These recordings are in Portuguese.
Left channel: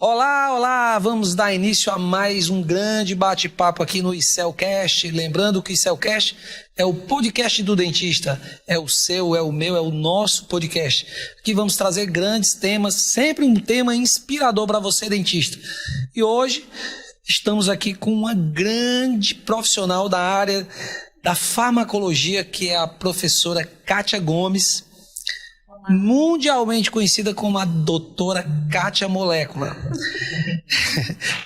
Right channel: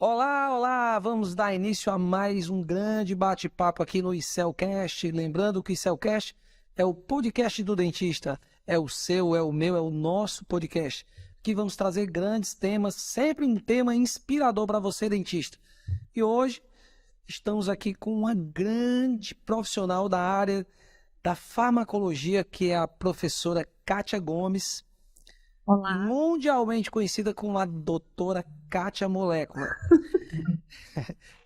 Olá, olá! Vamos dar início a mais um grande bate-papo aqui no ICELcast. Lembrando que o ICELcast é o podcast do dentista. É o seu, é o meu, é o nosso podcast. Aqui vamos trazer grandes temas, sempre um tema inspirador para você, dentista. E hoje estamos aqui com uma grande profissional da área da farmacologia, que é a professora Kátia Gomes. Olá. Mundialmente conhecida como a doutora Kátia Molécula.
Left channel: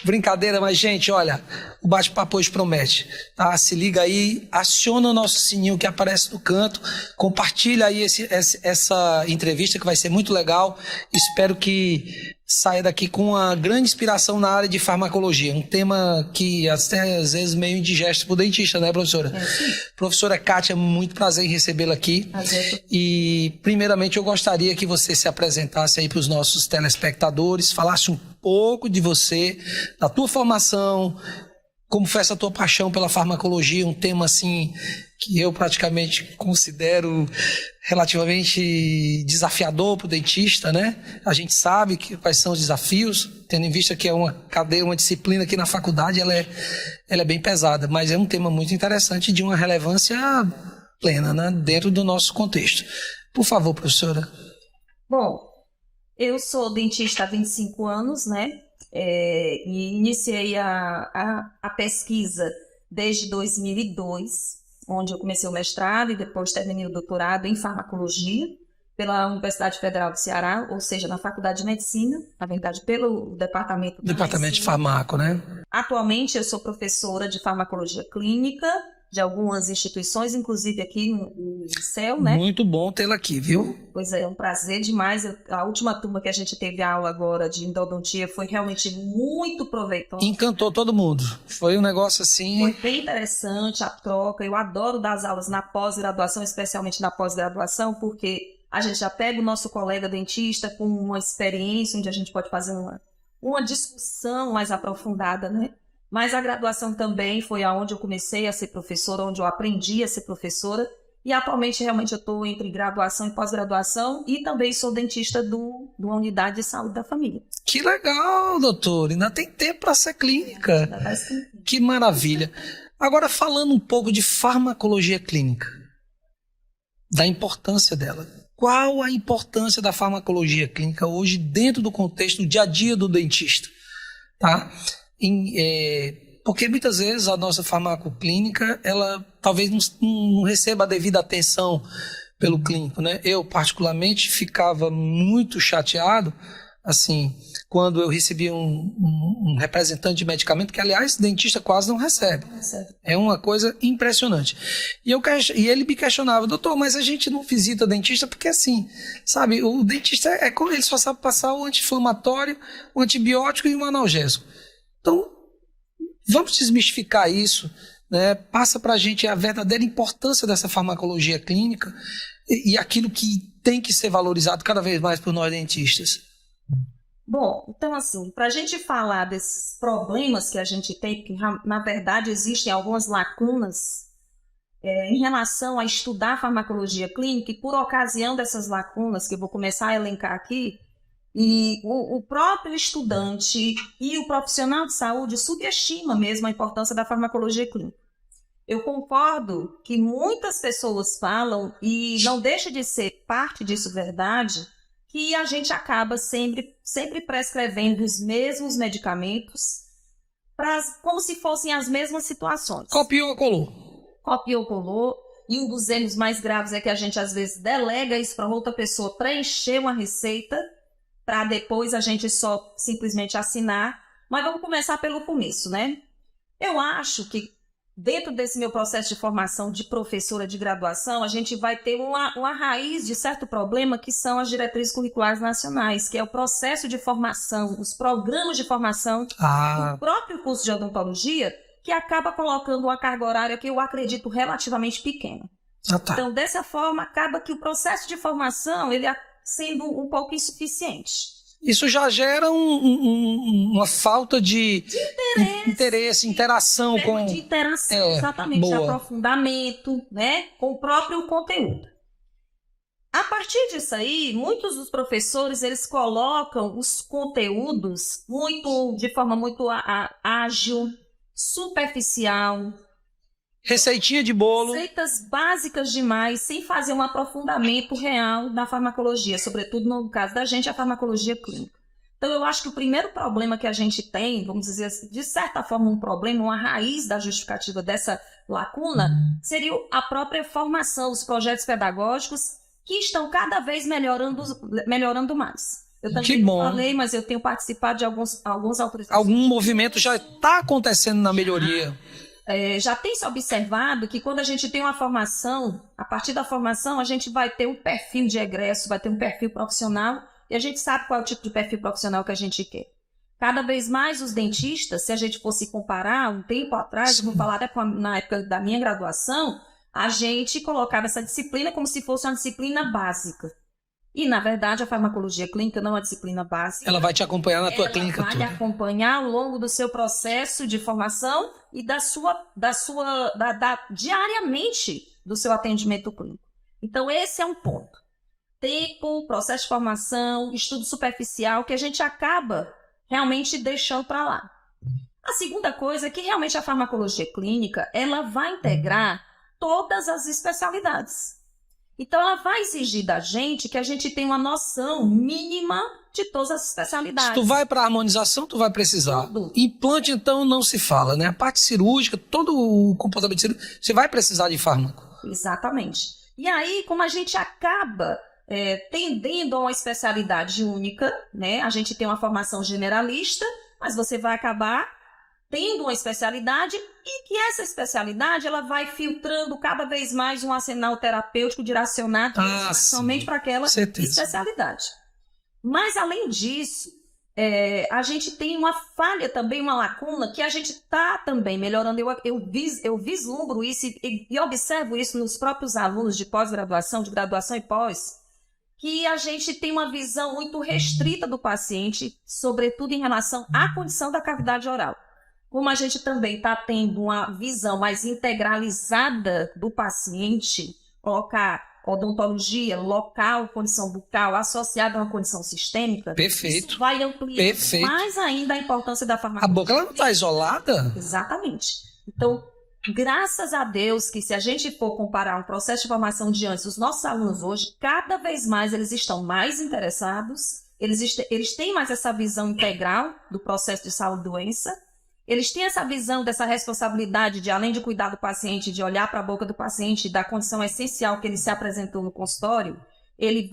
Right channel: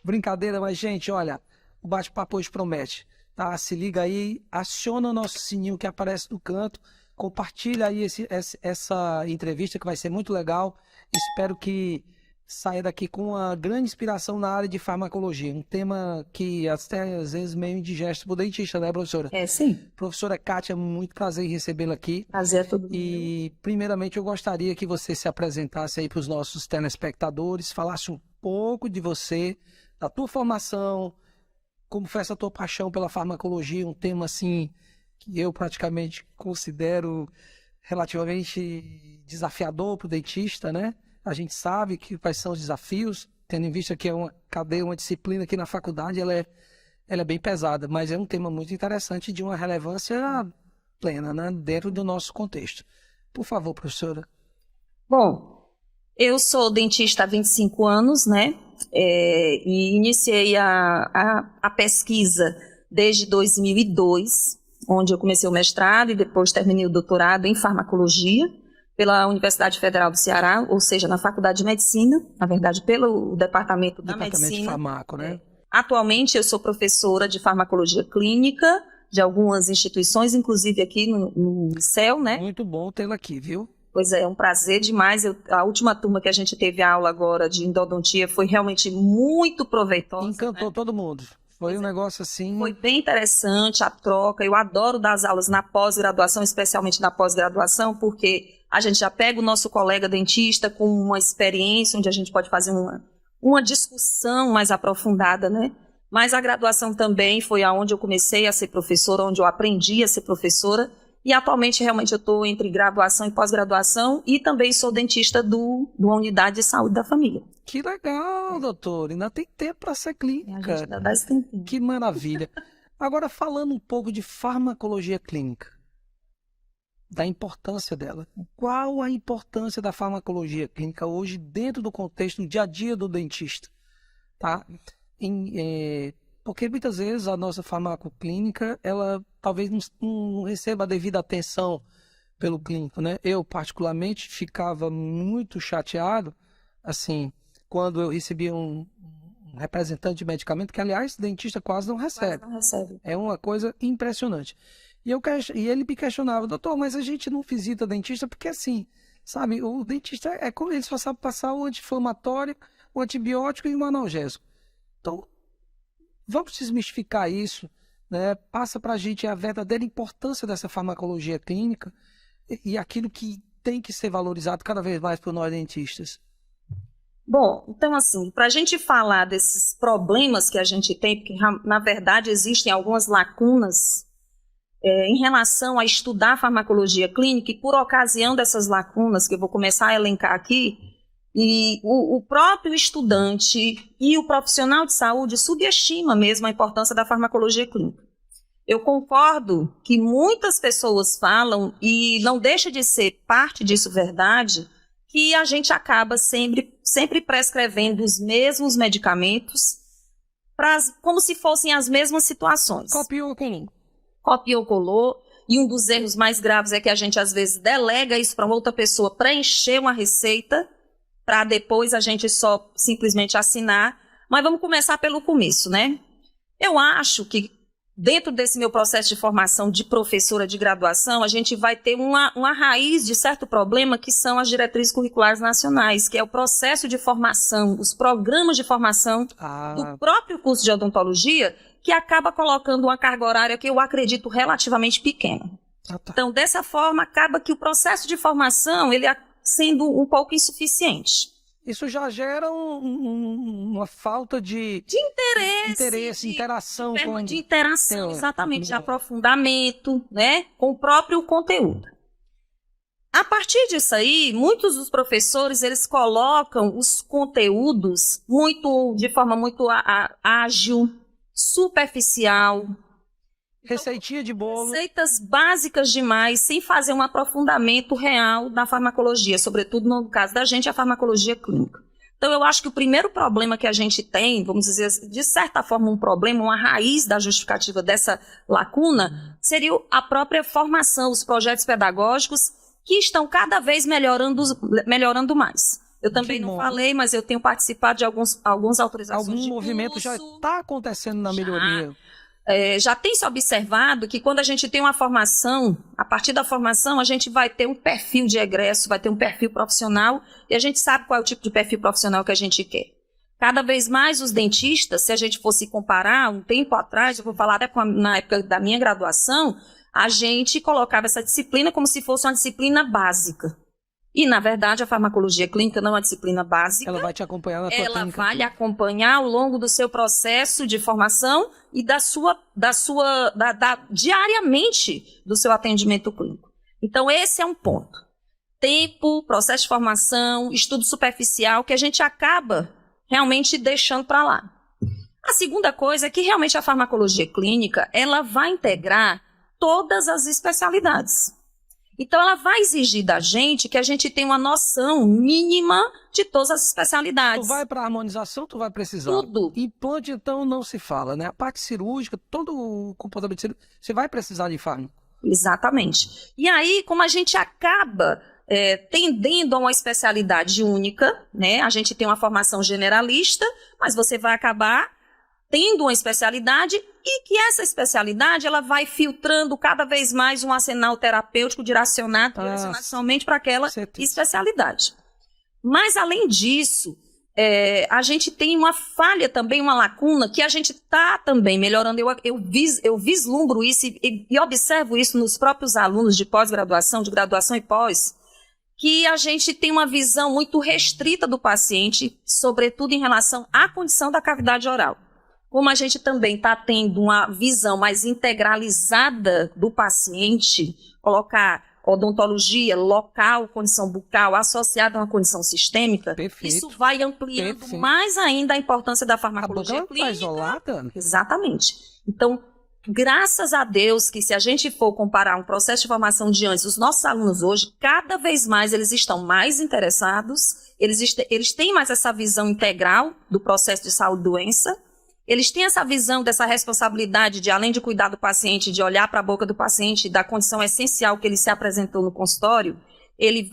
Brincadeira, mas gente, olha, o bate-papo hoje promete, tá? Se liga aí, aciona o nosso sininho que aparece no canto, compartilha aí essa entrevista que vai ser muito legal. Espero que saia daqui com uma grande inspiração na área de farmacologia, um tema que até às vezes meio indigesto para o dentista, né, professora? É, sim. Professora Kátia, muito prazer em recebê-la aqui. Prazer é tudo. E, primeiramente, eu gostaria que você se apresentasse aí para os nossos telespectadores, falasse um pouco de você, da tua formação, como foi essa tua paixão pela farmacologia, um tema assim que eu praticamente considero relativamente desafiador para o dentista, né? A gente sabe quais são os desafios, tendo em vista que é uma cadeia, uma disciplina aqui na faculdade, ela é bem pesada, mas é um tema muito interessante de uma relevância plena, né? Dentro do nosso contexto. Por favor, professora. Bom, eu sou dentista há 25 anos, né? E iniciei a pesquisa desde 2002, onde eu comecei o mestrado e depois terminei o doutorado em farmacologia pela Universidade Federal do Ceará, ou seja, na Faculdade de Medicina, na verdade, pelo Departamento da Departamento de Medicina. Farmaco, né? Atualmente, eu sou professora de farmacologia clínica de algumas instituições, inclusive aqui no ICEL, né? Muito bom tê-la aqui, viu? Pois é um prazer demais. A última turma que a gente teve aula agora de endodontia foi realmente muito proveitosa. Encantou, né? Todo mundo. Foi um negócio assim... Foi bem interessante a troca. Eu adoro dar as aulas na pós-graduação, especialmente na pós-graduação, porque a gente já pega o nosso colega dentista com uma experiência onde a gente pode fazer uma discussão mais aprofundada, né? Mas a graduação também foi aonde eu comecei a ser professora, onde eu aprendi a ser professora. E atualmente, realmente, eu estou entre graduação e pós-graduação e também sou dentista de uma unidade de saúde da família. Que legal, doutor. Ainda tem tempo para ser clínica. Ainda vai ser tempo. Que maravilha. Agora, falando um pouco de farmacologia clínica, da importância dela. Qual a importância da farmacologia clínica hoje dentro do contexto do dia a dia do dentista? Tá? Porque muitas vezes a nossa farmacoclínica, ela talvez não receba a devida atenção pelo clínico, né? Eu, particularmente, ficava muito chateado, assim, quando eu recebia um representante de medicamento, que, aliás, dentista quase não recebe. Não recebe. É uma coisa impressionante. E ele me questionava, doutor, mas a gente não visita dentista porque, assim, sabe, o dentista ele só sabe passar o anti-inflamatório, o antibiótico e o analgésico. Então, vamos desmistificar isso, né? Passa para a gente a verdadeira importância dessa farmacologia clínica e aquilo que tem que ser valorizado cada vez mais por nós dentistas. Bom, então assim, para a gente falar desses problemas que a gente tem, porque na verdade existem algumas lacunas em relação a estudar farmacologia clínica, e por ocasião dessas lacunas, que eu vou começar a elencar aqui, e o próprio estudante e o profissional de saúde subestima mesmo a importância da farmacologia clínica. Eu concordo que muitas pessoas falam, e não deixa de ser parte disso verdade, que a gente acaba sempre prescrevendo os mesmos medicamentos como se fossem as mesmas situações. Copiou, colou. Copiou, colou. E um dos erros mais graves é que a gente às vezes delega isso para outra pessoa preencher uma receita, para depois a gente só simplesmente assinar. Mas vamos começar pelo começo, né? Eu acho que dentro desse meu processo de formação de professora de graduação, a gente vai ter uma raiz de certo problema, que são as diretrizes curriculares nacionais, que é o processo de formação, os programas de formação do próprio curso de odontologia, que acaba colocando uma carga horária que eu acredito relativamente pequena. Então, dessa forma, acaba que o processo de formação ele sendo um pouco insuficiente. Isso já gera uma falta de interesse, interação com... De interação, exatamente, de aprofundamento, né, com o próprio conteúdo. A partir disso aí, muitos dos professores, eles colocam os conteúdos de forma muito ágil, superficial. Receitinha de bolo. Receitas básicas demais, sem fazer um aprofundamento real da farmacologia, sobretudo no caso da gente, a farmacologia clínica. Então, eu acho que o primeiro problema que a gente tem, vamos dizer, de certa forma, um problema, uma raiz da justificativa dessa lacuna, seria a própria formação, os projetos pedagógicos, que estão cada vez melhorando mais. Eu também não falei, mas eu tenho participado de alguns autorizações. Algum movimento já está acontecendo na melhoria. Já tem se observado que quando a gente tem uma formação, a partir da formação a gente vai ter um perfil de egresso, vai ter um perfil profissional, e a gente sabe qual é o tipo de perfil profissional que a gente quer. Cada vez mais os dentistas, se a gente fosse comparar, um tempo atrás, eu vou falar até na época da minha graduação, a gente colocava essa disciplina como se fosse uma disciplina básica. E, na verdade, a farmacologia clínica não é uma disciplina básica. Ela vai te acompanhar na tua clínica. Ela vai lhe acompanhar ao longo do seu processo de formação e diariamente do seu atendimento clínico. Então, esse é um ponto. Tempo, processo de formação, estudo superficial, que a gente acaba realmente deixando para lá. A segunda coisa é que realmente a farmacologia clínica, ela vai integrar todas as especialidades. Então, ela vai exigir da gente que a gente tenha uma noção mínima de todas as especialidades. Se tu vai para harmonização, tu vai precisar. Tudo. Implante, então, não se fala, né? A parte cirúrgica, todo o comportamento cirúrgico, você vai precisar de fármaco. Exatamente. E aí, como a gente acaba tendendo a uma especialidade única, né? A gente tem uma formação generalista, mas você vai acabar tendo uma especialidade e que essa especialidade ela vai filtrando cada vez mais um arsenal terapêutico direcionado somente para aquela especialidade. Mas, além disso, a gente tem uma falha também, uma lacuna, que a gente está também melhorando. Eu vislumbro isso e observo isso nos próprios alunos de pós-graduação, de graduação e pós, que a gente tem uma visão muito restrita do paciente, sobretudo em relação à condição da cavidade oral. Como a gente também está tendo uma visão mais integralizada do paciente, colocar odontologia, local, condição bucal, associada a uma condição sistêmica, Perfeito. Isso vai ampliar mais ainda a importância da farmacologia. A boca ela não está isolada? Exatamente. Então, graças a Deus que se a gente for comparar um processo de formação de antes, os nossos alunos hoje, cada vez mais eles estão mais interessados, eles têm mais essa visão integral do processo de saúde e doença. Eles têm essa visão dessa responsabilidade de, além de cuidar do paciente, de olhar para a boca do paciente, da condição essencial que ele se apresentou no consultório. Ele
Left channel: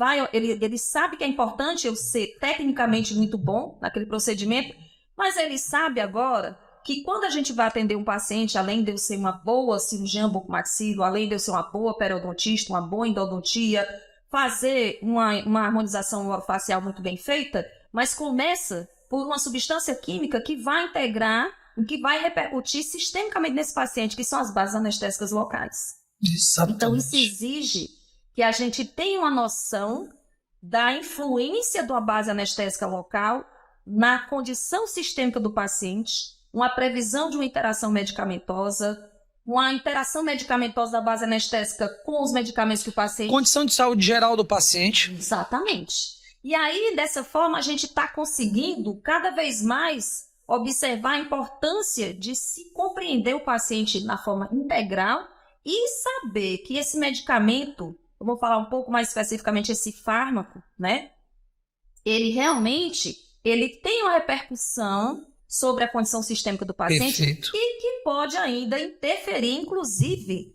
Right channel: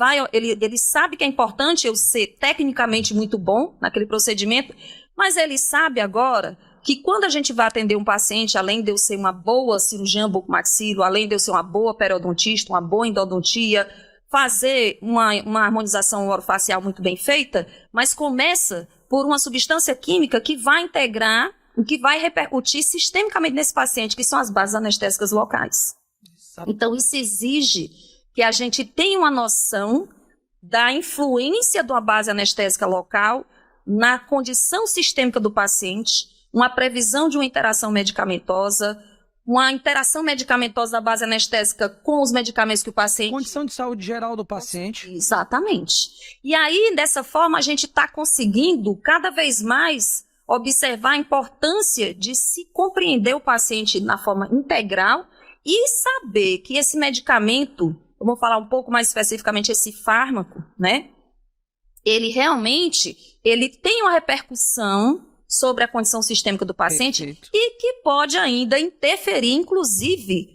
sabe que é importante eu ser tecnicamente muito bom naquele procedimento, mas ele sabe agora que quando a gente vai atender um paciente, além de eu ser uma boa cirurgiã bucomaxilo, além de eu ser uma boa periodontista, uma boa endodontia, fazer uma harmonização orofacial muito bem feita, mas começa por uma substância química que vai integrar, que vai repercutir sistemicamente nesse paciente, que são as bases anestésicas locais. Exatamente. Então, isso exige que a gente tenha uma noção da influência de uma base anestésica local na condição sistêmica do paciente, uma previsão de uma interação medicamentosa, uma interação medicamentosa da base anestésica com os medicamentos que o paciente... Condição de saúde geral do paciente. Exatamente. E aí, dessa forma, a gente está conseguindo cada vez mais observar a importância de se compreender o paciente na forma integral e saber que esse medicamento, eu vou falar um pouco mais especificamente esse fármaco, né? Ele realmente tem uma repercussão sobre a condição sistêmica do paciente. Perfeito. E que pode ainda interferir, inclusive,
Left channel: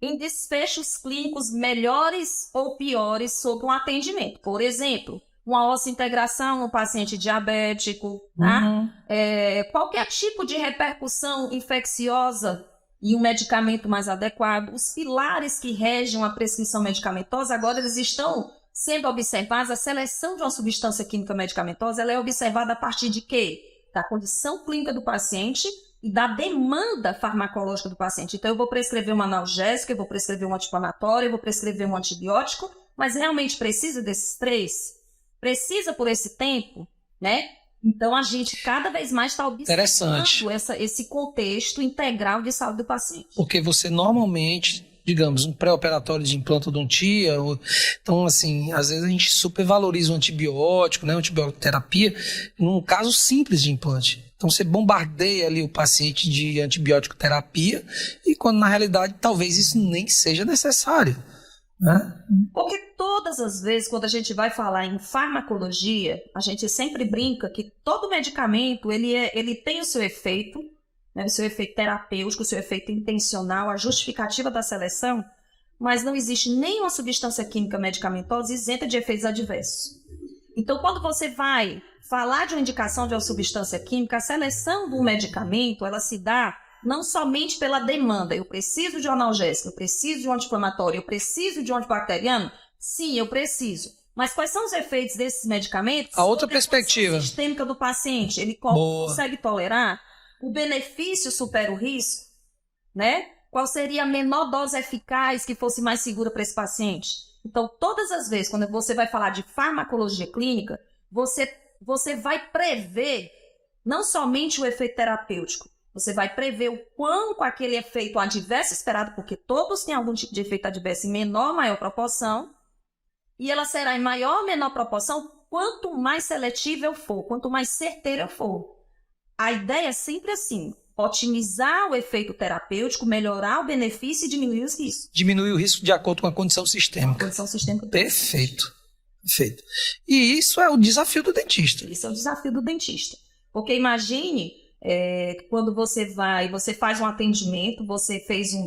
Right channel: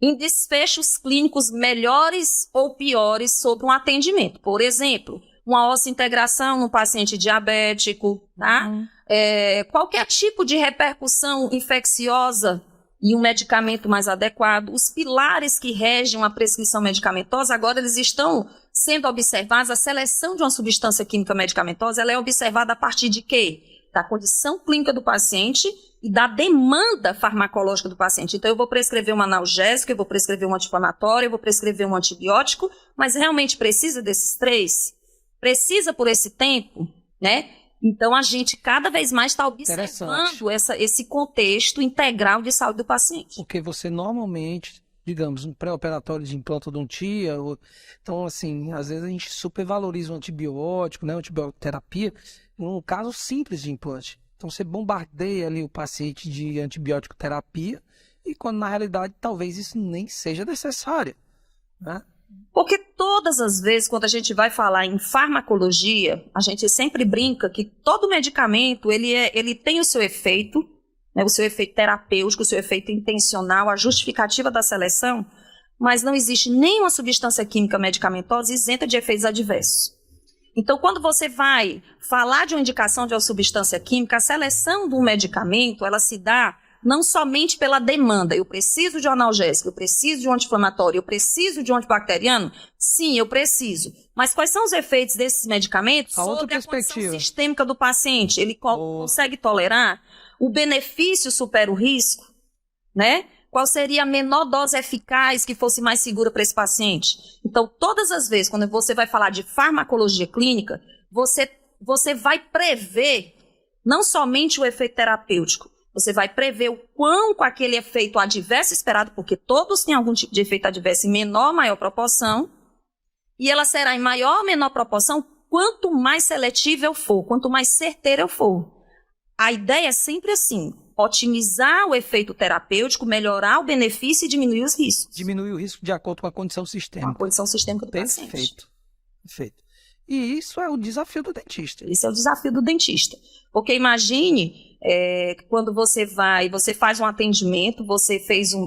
em desfechos clínicos melhores ou piores sobre um atendimento. Por exemplo, uma osseointegração no paciente diabético, tá? Qualquer tipo de repercussão infecciosa e um medicamento mais adequado. Os pilares que regem uma prescrição medicamentosa, agora eles estão sendo observados. A seleção de uma substância química medicamentosa, ela é observada a partir de quê? Da condição clínica do paciente e da demanda farmacológica do paciente. Então, eu vou prescrever um analgésico, eu vou prescrever um anti-inflamatório, eu vou prescrever um antibiótico, mas realmente precisa desses três? Precisa por esse tempo, né? Então, a gente cada vez mais está observando esse contexto integral de saúde do paciente. Porque você normalmente digamos, um pré-operatório de implantodontia. Então, assim, às vezes a gente supervaloriza o antibiótico, né, a antibioterapia, num caso simples de implante. Então, você bombardeia ali o paciente de antibiótico terapia e quando, na realidade, talvez isso nem seja necessário, né? Porque todas as vezes, quando a gente vai falar em farmacologia, a gente sempre brinca que todo medicamento, ele tem o seu efeito, né, o seu efeito terapêutico, o seu efeito intencional, a justificativa da seleção, mas não existe nenhuma substância química medicamentosa isenta de efeitos adversos. Então, quando você vai falar de uma indicação de uma substância química, a seleção do medicamento, ela se dá não somente pela demanda. Eu preciso de um analgésico, eu preciso de um anti-inflamatório, eu preciso de um antibacteriano? Sim, eu preciso. Mas quais são os efeitos desses medicamentos? A outra sobre perspectiva. A condição sistêmica do paciente. Ele consegue tolerar? O benefício supera o risco? Né? Qual seria a menor dose eficaz que fosse mais segura para esse paciente? Então, todas as vezes, quando você vai falar de farmacologia clínica, você vai prever não somente o efeito terapêutico, você vai prever o quão com aquele efeito adverso esperado, porque todos têm algum tipo de efeito adverso em menor ou maior proporção, e ela será em maior ou menor proporção quanto mais seletiva eu for, quanto mais certeira eu for. A ideia é sempre assim: otimizar o efeito terapêutico, melhorar o benefício e diminuir os riscos. Diminuir o risco de acordo com a condição sistêmica. A condição sistêmica do paciente. Perfeito. E isso é o desafio do dentista. Isso é o desafio do dentista. Porque imagine, quando você faz um atendimento,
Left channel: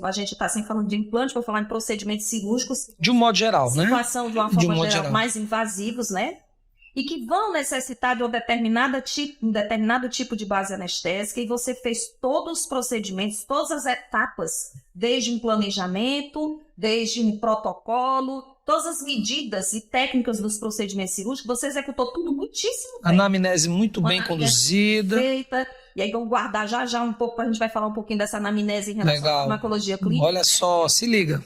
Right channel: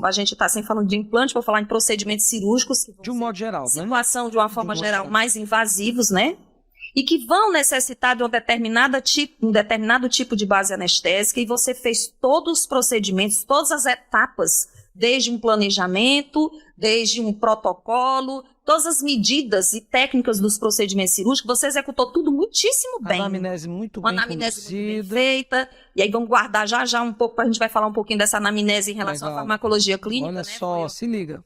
a gente está sempre falando de implante, vou falar em procedimentos cirúrgicos. De um modo geral, né? Situação, de uma forma geral, mais invasivos, né? E que vão necessitar de um determinado tipo de base anestésica, e você fez todos os procedimentos, todas as etapas, desde um planejamento, desde um protocolo, todas as medidas e técnicas dos procedimentos cirúrgicos, você executou tudo muitíssimo bem. Anamnese muito bem conduzida. Feita. E aí vamos guardar já um pouco, a gente vai falar um pouquinho dessa anamnese em relação à farmacologia clínica. Olha, né? Só, se liga.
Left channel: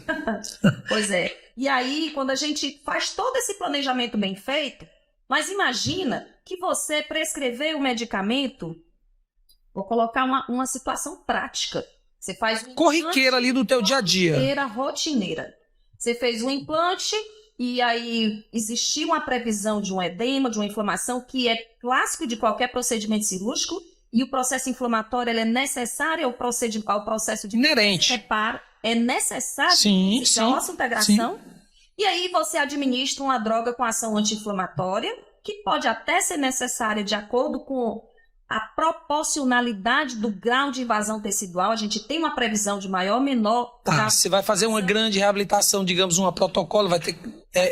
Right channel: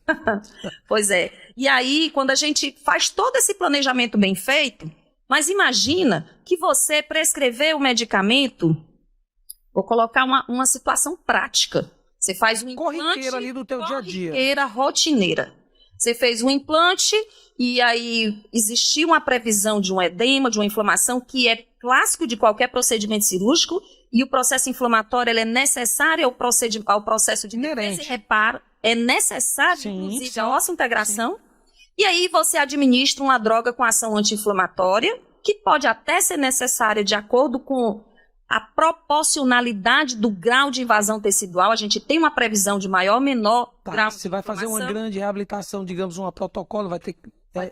Pois é. E aí, quando a gente faz todo esse planejamento bem feito, mas imagina que você prescreveu o medicamento, vou colocar uma situação prática. Você faz um implante corriqueira ali do teu dia a dia. Corriqueira, rotineira. Você fez um implante e aí existiu uma previsão de um edema, de uma inflamação, que é clássico de qualquer procedimento cirúrgico, e o processo inflamatório ele é necessário ao processo de inerente. Reparo, é necessário a nossa integração. Sim. E aí você administra uma droga com ação anti-inflamatória, que pode até ser necessária de acordo com a proporcionalidade do grau de invasão tecidual. A gente tem uma previsão de maior ou menor grau. Você vai fazer uma grande reabilitação, digamos, um protocolo, vai ter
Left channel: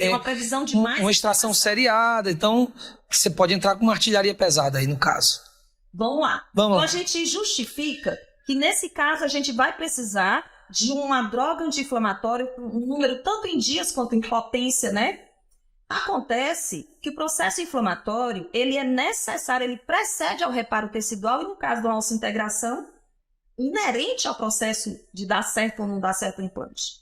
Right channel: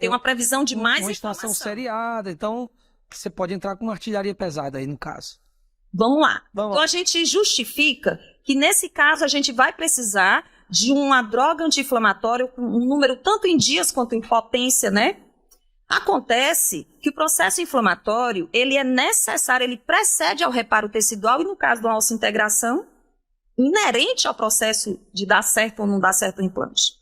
uma previsão de mais uma extração seriada, então você pode entrar com uma artilharia pesada aí no caso. Vamos lá. Então a gente justifica que nesse caso a gente vai precisar de uma droga anti-inflamatória com um número tanto em dias quanto em potência, né? Acontece que o processo inflamatório, ele é necessário, ele precede ao reparo tecidual e, no caso de uma osseointegração, inerente ao processo de dar certo ou não dar certo o implante.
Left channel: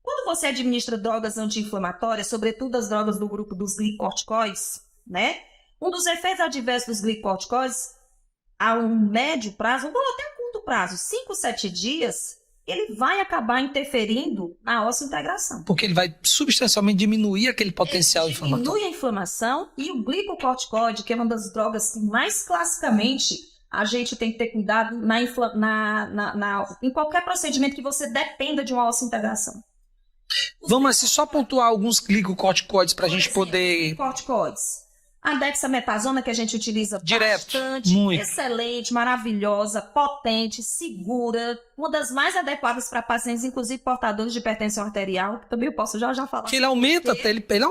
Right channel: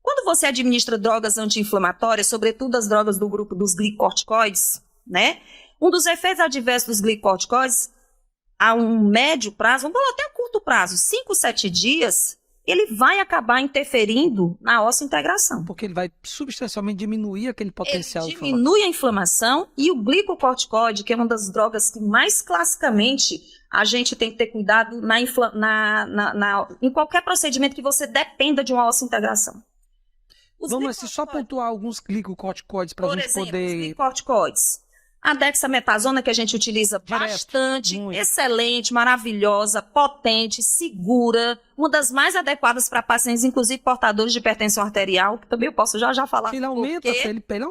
Quando você administra drogas anti-inflamatórias, sobretudo as drogas do grupo dos glicorticoides, né? Um dos efeitos adversos dos glicorticoides, a um médio prazo, ou até a curto prazo, 5, 7 dias, ele vai acabar interferindo na osseointegração. Porque ele vai substancialmente diminuir aquele potencial inflamatório. Diminui a inflamação, e o glicocorticoide, que é uma das drogas que mais classicamente a gente tem que ter cuidado em qualquer procedimento que você dependa de uma osseointegração. Vamos assim, só pontuar alguns glicocorticoides para a gente poder... Glicocorticoides. A dexametasona, que a gente utiliza bastante, muito. Excelente, maravilhosa, potente, segura, uma das mais adequadas para pacientes, inclusive portadores de hipertensão arterial, que também eu posso já falar. Que ele aumenta,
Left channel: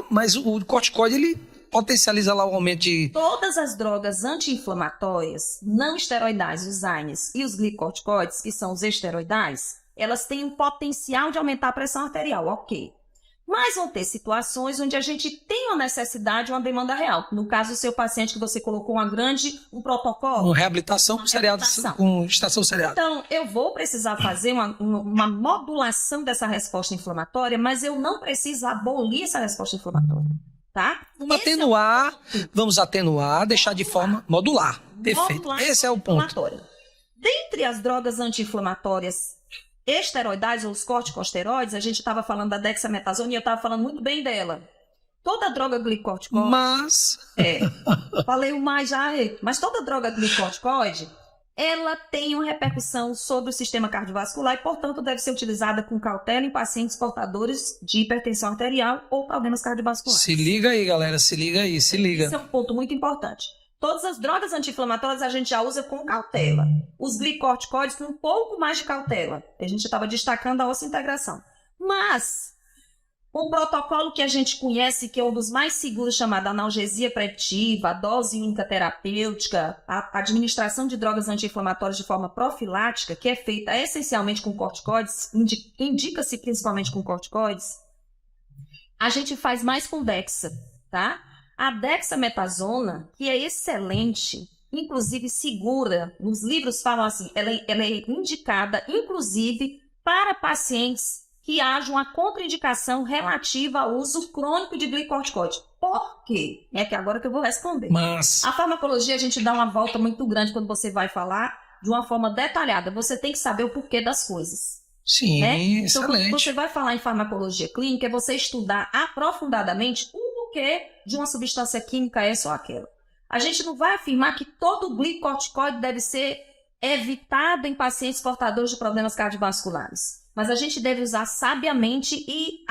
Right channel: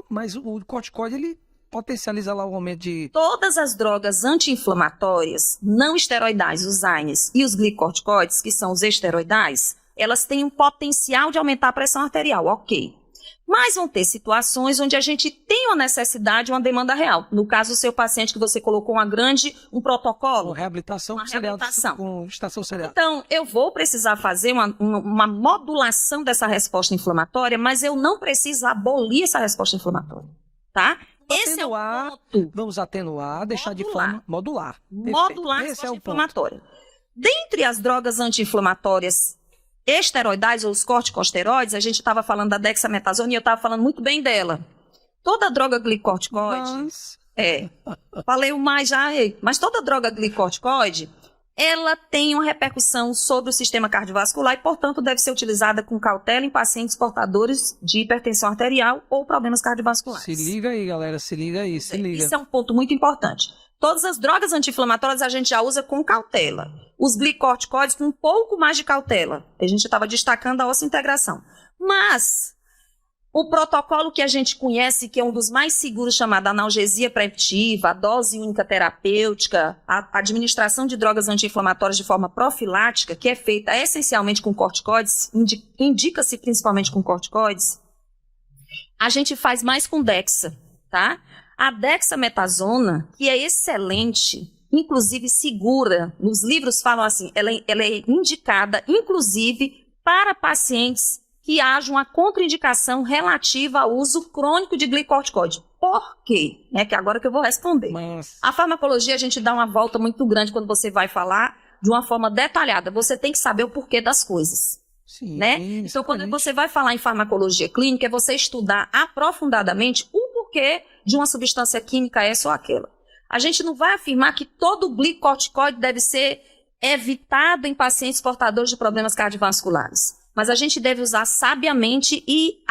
mas o corticoide, ele potencializa lá o aumento de... Todas as drogas anti-inflamatórias, não esteroidais, os AINES, e os glicocorticoides, que são os esteroidais, elas têm um potencial de aumentar a pressão arterial, ok. Mas vão ter situações onde a gente tem uma necessidade, uma demanda real. No caso do seu paciente, que você colocou um protocolo. Uma reabilitação com estação seriada. Então, eu vou precisar fazer uma modulação dessa resposta inflamatória, mas eu não preciso abolir essa resposta inflamatória. Tá? Vamos atenuar, deixar de forma modular. Perfeito. Esse é o ponto. Dentre as drogas anti-inflamatórias esteroidais ou os corticosteroides, a gente estava falando da dexametasona e eu estava falando muito bem dela. Toda droga glicorticoide... Mas... falei o mais já, mas toda droga glicorticoide, ela tem uma repercussão sobre o sistema cardiovascular e, portanto, deve ser utilizada com cautela em pacientes portadores de hipertensão arterial ou problemas cardiovasculares. Se liga aí, galera, se liga aí, se liga. Esse é um ponto muito importante. Todas as drogas anti-inflamatórias a gente já usa com cautela. Os glicorticoides com um pouco mais de cautela. A gente estava destacando a osseointegração. Mas o protocolo que a gente conhece, que é um dos mais seguros, chamado analgesia preventiva, a dose única terapêutica, a administração de drogas anti-inflamatórias de forma profilática, que é feita essencialmente com corticoides, indica-se principalmente com corticoides, a gente faz mais com dexa, tá? A dexametasona, que é excelente, inclusive segura, nos livros falam assim, ela é indicada, inclusive, para pacientes que haja uma contraindicação relativa ao uso crônico de glicorticoide. Por quê? É que agora que eu vou responder. Mas... A farmacologia, a gente dá uma volta muito grande quando você vai falar de uma forma detalhada. Você tem que saber o porquê das coisas. Sim, né? Então, quando você vai falar em farmacologia clínica, é você estudar aprofundadamente o porquê de uma substância química essa ou aquela. A gente não vai afirmar que todo glicorticoide deve ser evitado em pacientes portadores de problemas cardiovasculares, mas a gente deve usar sabiamente e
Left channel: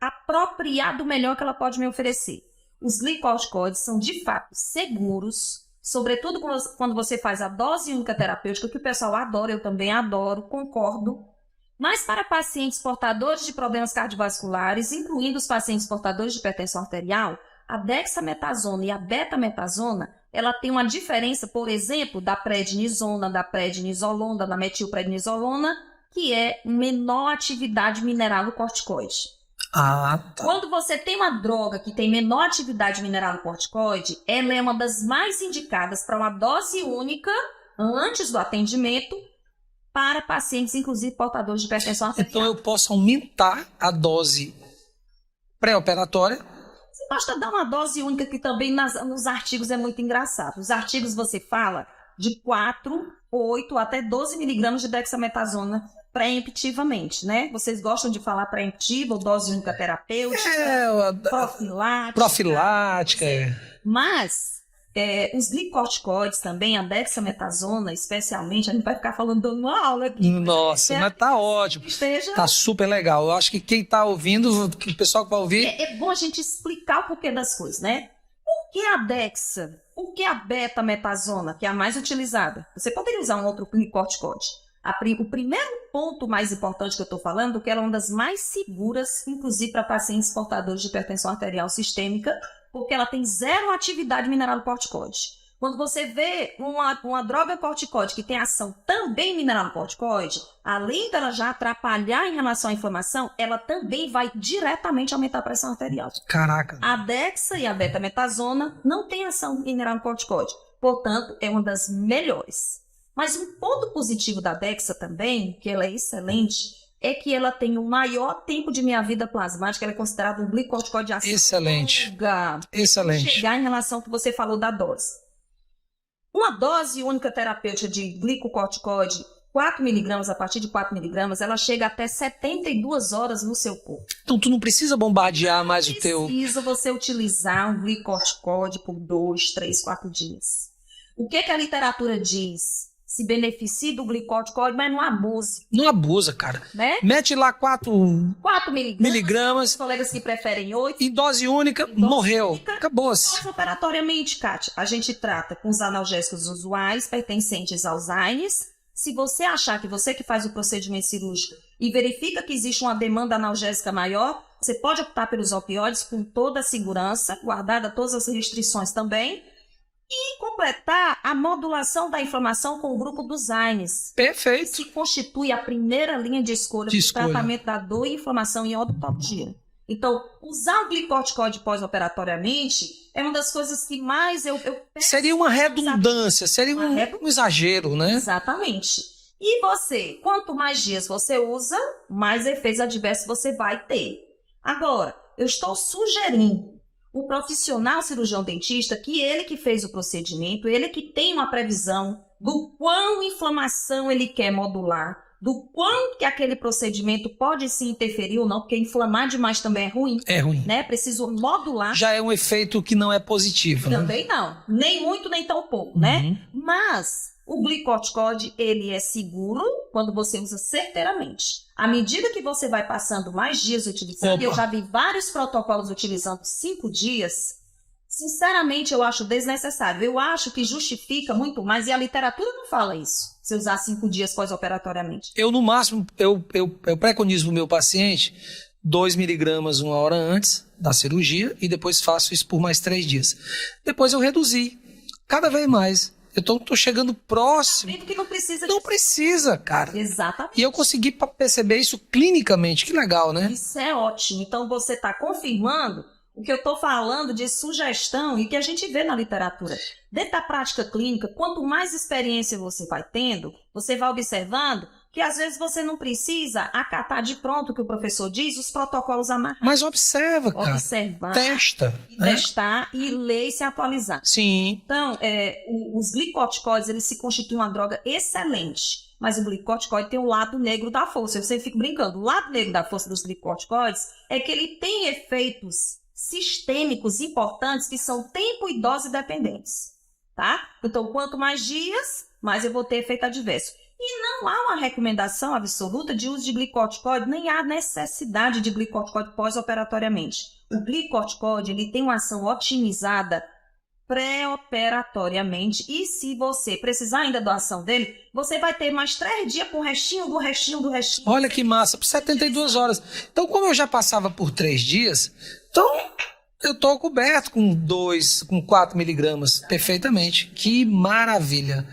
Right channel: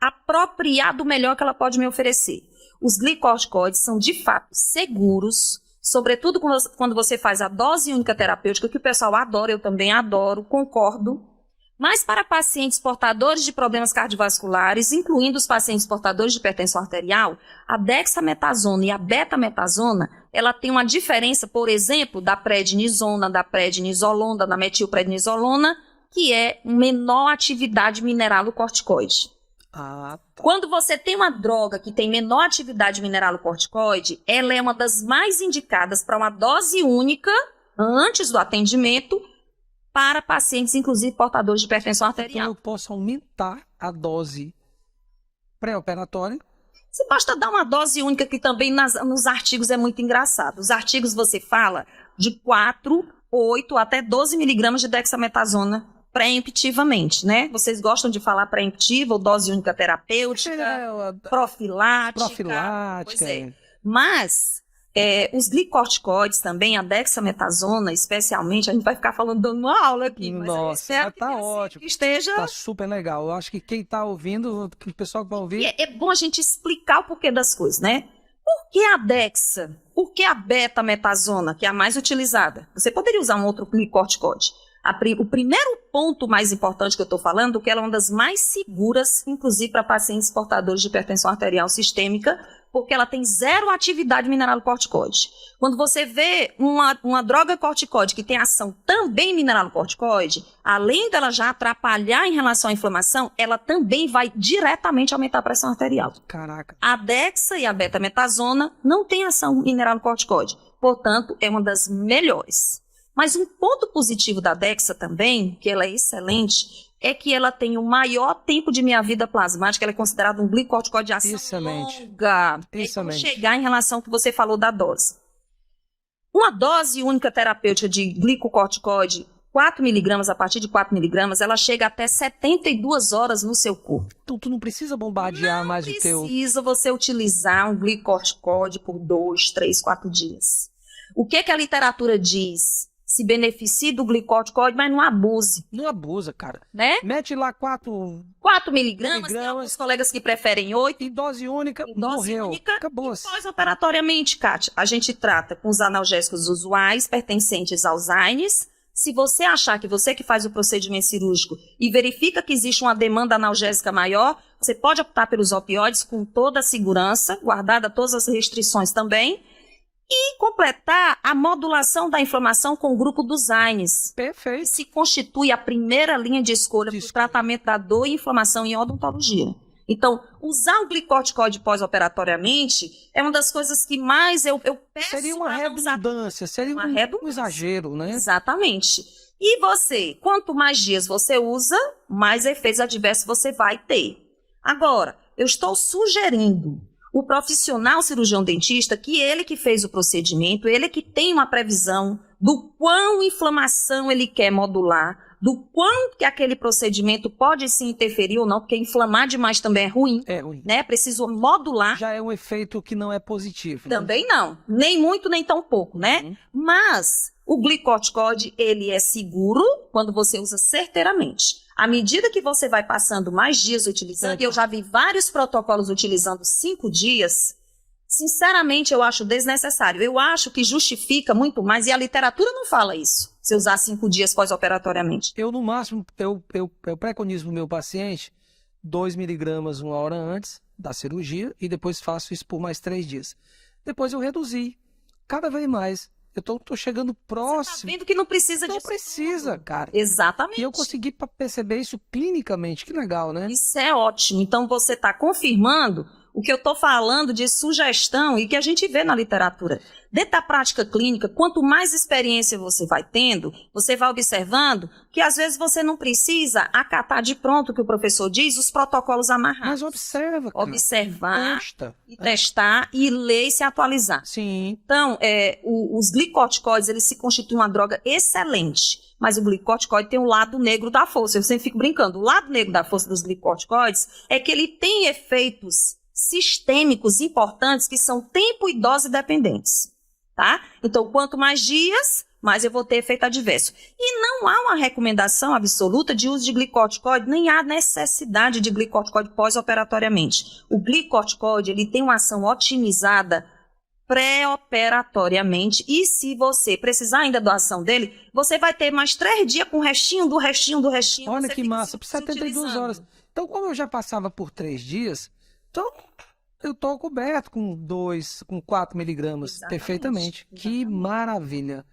apropriar do melhor que ela pode me oferecer. Os glicorticoides são, de fato, seguros, sobretudo quando você faz a dose única terapêutica, que o pessoal adora, eu também adoro, concordo. Mas para pacientes portadores de problemas cardiovasculares, incluindo os pacientes portadores de hipertensão arterial, a dexametasona e a betametasona, ela tem uma diferença, por exemplo, da prednisona, da prednisolona, da metilprednisolona, que é menor atividade mineralocorticoide. Ah, tá. Quando você tem uma droga que tem menor atividade mineralocorticoide, ela é uma das mais indicadas para uma dose única, antes do atendimento, para pacientes, inclusive, portadores de hipertensão arterial. Então, eu posso aumentar a dose pré-operatória? Você basta dar uma dose única, que também nos artigos é muito engraçado. Os artigos você fala de 4, 8 até 12 miligramas de dexametasona preemptivamente, né? Vocês gostam de falar preemptiva ou dose única terapêutica, profilática. Mas os glicorticoides também, a dexametasona especialmente, a gente vai ficar falando dando uma aula aqui. Nossa, mas tá ótimo. Esteja... Tá super legal. Eu acho que quem tá ouvindo, que o pessoal que vai ouvir... É bom a gente explicar o porquê das coisas, né? Por que a dexa? Por que a betametasona, que é a mais utilizada? Você poderia usar um outro glicorticoide. O primeiro ponto mais importante que eu estou falando é que ela é uma das mais seguras, inclusive para pacientes portadores de hipertensão arterial sistêmica, porque ela tem zero atividade mineralocorticoide. Quando você vê uma droga corticoide que tem ação também mineralocorticoide, além dela já atrapalhar em relação à inflamação, ela também vai diretamente aumentar a pressão arterial. Caraca. A dexa e a betametasona não têm ação mineralocorticoide, portanto, é uma das melhores. Mas um ponto positivo da dexa também, que ela é excelente, é que ela tem o maior tempo de meia-vida plasmática, ela é considerada um glicorticoide de ação excelente. longa. Excelente. Chegar em relação ao que você falou da dose. Uma dose única terapêutica de glicocorticoide, 4 miligramas, a partir de 4 miligramas, ela chega até 72 horas no seu corpo. Então, tu não precisa bombardear mais o teu... Não precisa você utilizar um glicorticoide por 2, 3, 4 dias. O que a literatura diz? Se beneficie do glicorticoide, mas não abuse. Não abusa, cara. Né? Mete lá 4 miligramas. Os colegas que preferem 8. Em dose única, morreu. Acabou-se. Pós-operatoriamente, Kátia, a gente trata com os analgésicos usuais pertencentes aos AINES. Se você achar que você que faz o procedimento cirúrgico e verifica que existe uma demanda analgésica maior, você pode optar pelos opioides com toda a segurança, guardada todas as restrições também. E completar a modulação da inflamação com o grupo dos AINES. Perfeito. Que se constitui a primeira linha de escolha para o tratamento da dor e inflamação em odontologia. Então, usar o glicorticoide pós-operatoriamente é uma das coisas que mais eu peço. Seria uma redundância, seria um exagero, né? Exatamente. E você, quanto mais dias você usa, mais efeitos adversos você vai ter. Agora, eu estou sugerindo o profissional cirurgião dentista, que ele que fez o procedimento, ele que tem uma previsão do quão inflamação ele quer modular, do quanto que aquele procedimento pode se interferir ou não, porque inflamar demais também é ruim. É ruim. Né? Preciso modular. Já é um efeito que não é positivo. Também não. Nem muito, nem tão pouco, né? Mas o glicorticoide, ele é seguro quando você usa certeiramente. À medida que você vai passando mais dias utilizando, eu já vi vários protocolos utilizando 5 dias, sinceramente eu acho desnecessário. Eu acho que justifica muito mais, e a literatura não fala isso, se usar 5 dias pós-operatoriamente. Eu, no máximo, eu preconizo para o meu paciente 2 miligramas 1 hora antes da cirurgia e depois faço isso por mais 3 dias. Depois eu reduzi cada vez mais. Eu tô chegando próximo. Tá vendo que não precisa Não precisa, cara. Exatamente. E eu consegui perceber isso clinicamente. Que legal, né? Isso é ótimo. Então você está confirmando o que eu estou falando de sugestão e que a gente vê na literatura. Dentro da prática clínica, quanto mais experiência você vai tendo, você vai observando que às vezes você não precisa acatar de pronto o que o professor diz, os protocolos amarrados. Mas observa, cara. Observar, Testa. testar e ler e se atualizar. Sim. Então, os glicorticoides, eles se constituem uma droga excelente. Mas o glicorticoide tem o lado negro da força. Eu sempre fico brincando. O lado negro da força dos glicorticoides é que ele tem efeitos sistêmicos importantes que são tempo e dose dependentes. Tá? Então, quanto mais dias, mais eu vou ter efeito adverso. E não há uma recomendação absoluta de uso de glicorticoide, nem há necessidade de glicorticoide pós-operatoriamente. O glicorticoide, ele tem uma ação otimizada pré-operatoriamente, e se você precisar ainda da ação dele, você vai ter mais 3 dias com o restinho do restinho do restinho. Olha que massa, por 72 horas. Então, como eu já passava por 3 dias, então eu tô coberto com 4 miligramas perfeitamente. Que maravilha.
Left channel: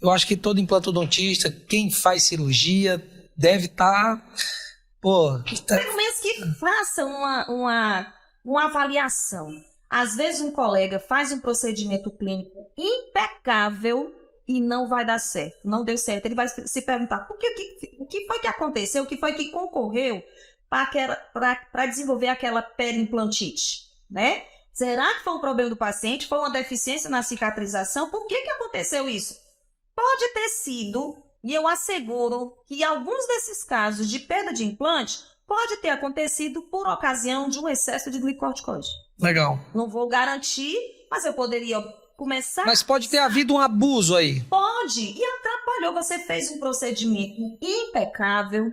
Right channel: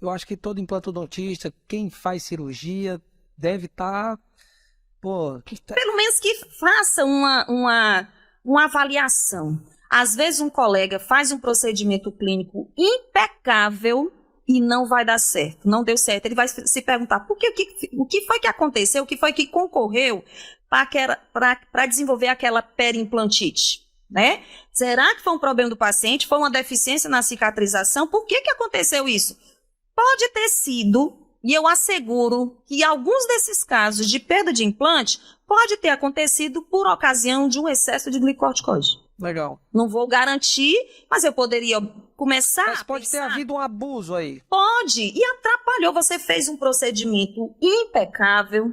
Eu acho que todo implantodontista, quem faz cirurgia, deve estar... Pelo menos que faça uma avaliação. Às vezes um colega faz um procedimento clínico impecável e não vai dar certo, não deu certo. Ele vai se perguntar o que foi que aconteceu, o que foi que concorreu para desenvolver aquela periimplantite, né? Será que foi um problema do paciente? Foi uma deficiência na cicatrização? Por que aconteceu isso? Pode ter sido, e eu asseguro que alguns desses casos de perda de implante pode ter acontecido por ocasião de um excesso de glicorticoide. Legal. Não vou garantir, mas eu poderia começar... Mas pode ter havido um abuso aí. Pode, e atrapalhou. Você fez um procedimento impecável,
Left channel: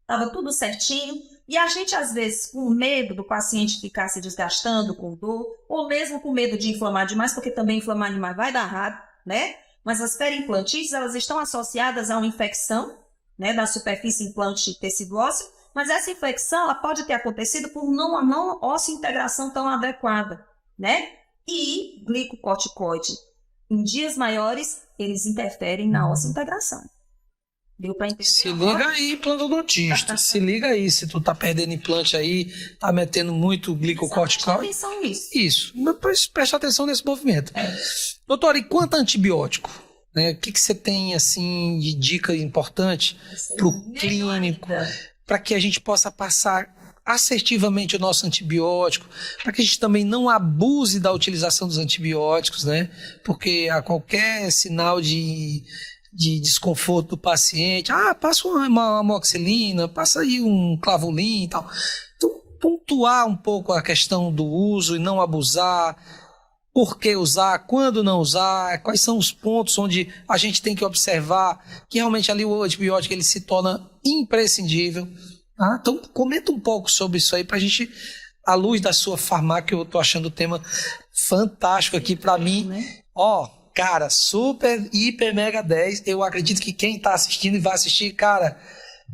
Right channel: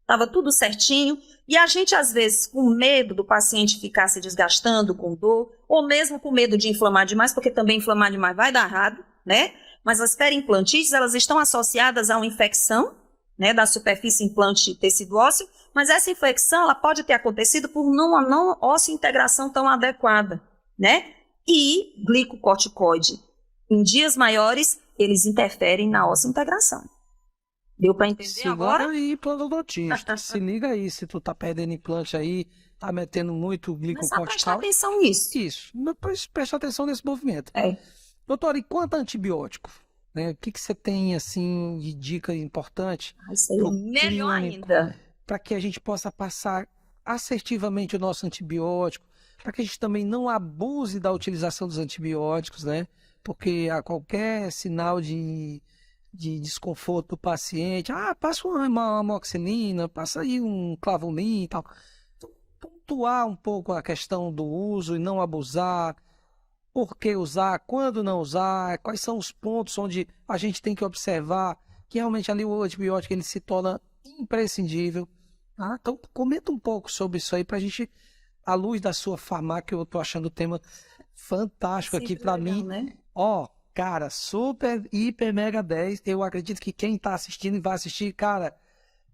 estava tudo certinho, e a gente, às vezes, com medo do paciente ficar se desgastando com dor, ou mesmo com medo de inflamar demais, porque também inflamar demais vai dar errado, né? Mas as periimplantites, elas estão associadas a uma infecção, né, da superfície implante tecido ósseo, mas essa infecção ela pode ter acontecido por uma não integração tão adequada, né? E glicocorticoide, em dias maiores, eles interferem na integração. Deu para entender Se agora? liga aí, implantodontista. Se liga aí, se tu tá perdendo implante aí, tá metendo muito glicocorticoide. Presta atenção nisso. Isso. Mas presta atenção nesse movimento. Doutora, e quanto a antibiótico? Né? O que você tem, assim, de dica importante para o clínico? Para que a gente possa passar assertivamente o nosso antibiótico, para que a gente também não abuse da utilização dos antibióticos, né? Porque a qualquer sinal de desconforto do paciente, passa uma amoxicilina, passa aí um clavulin e tal. Então, pontuar um pouco a questão do uso e não abusar, por que usar, quando não usar, quais são os pontos onde a gente tem que observar que realmente ali o antibiótico ele se torna imprescindível. Então, comenta um pouco sobre isso aí para a gente, à luz da sua farmácia, que eu estou achando o tema fantástico aqui para mim. Né? Cara, super, hiper, mega 10. Eu acredito que quem está assistindo e vai assistir, cara,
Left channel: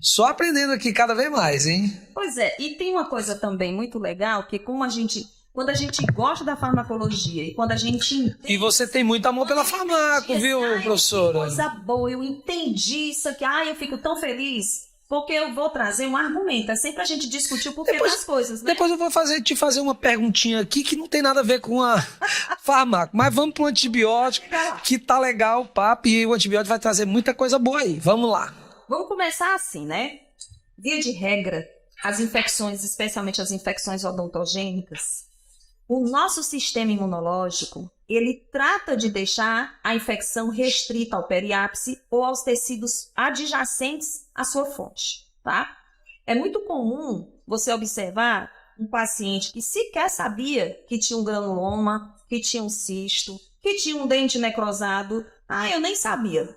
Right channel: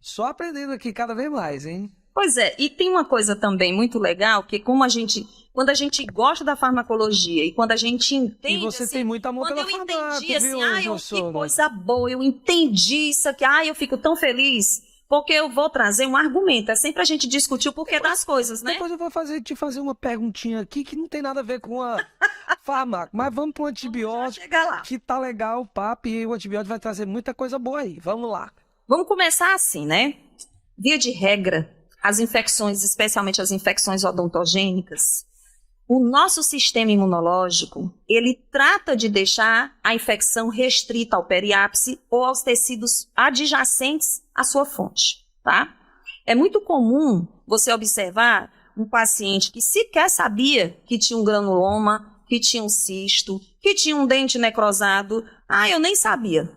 só aprendendo aqui cada vez mais, hein? Pois é, e tem uma coisa também muito legal, que quando a gente gosta da farmacologia e quando a gente entende... E você tem muito amor pela farmácia, viu, professora? Que coisa boa, eu entendi isso aqui, eu fico tão feliz, porque eu vou trazer um argumento, é sempre a gente discutir o porquê das coisas, né? Depois eu vou te fazer uma perguntinha aqui que não tem nada a ver com a farmácia, mas vamos para o antibiótico, que tá legal o papo, e o antibiótico vai trazer muita coisa boa aí, vamos lá. Vamos começar assim, né? Via de regra, as infecções, especialmente as infecções odontogênicas, o nosso sistema imunológico, ele trata de deixar a infecção restrita ao periápice ou aos tecidos adjacentes à sua fonte, tá? É muito comum você observar um paciente que sequer sabia que tinha um granuloma, que tinha um cisto, que tinha um dente necrosado. Ah, eu nem sabia.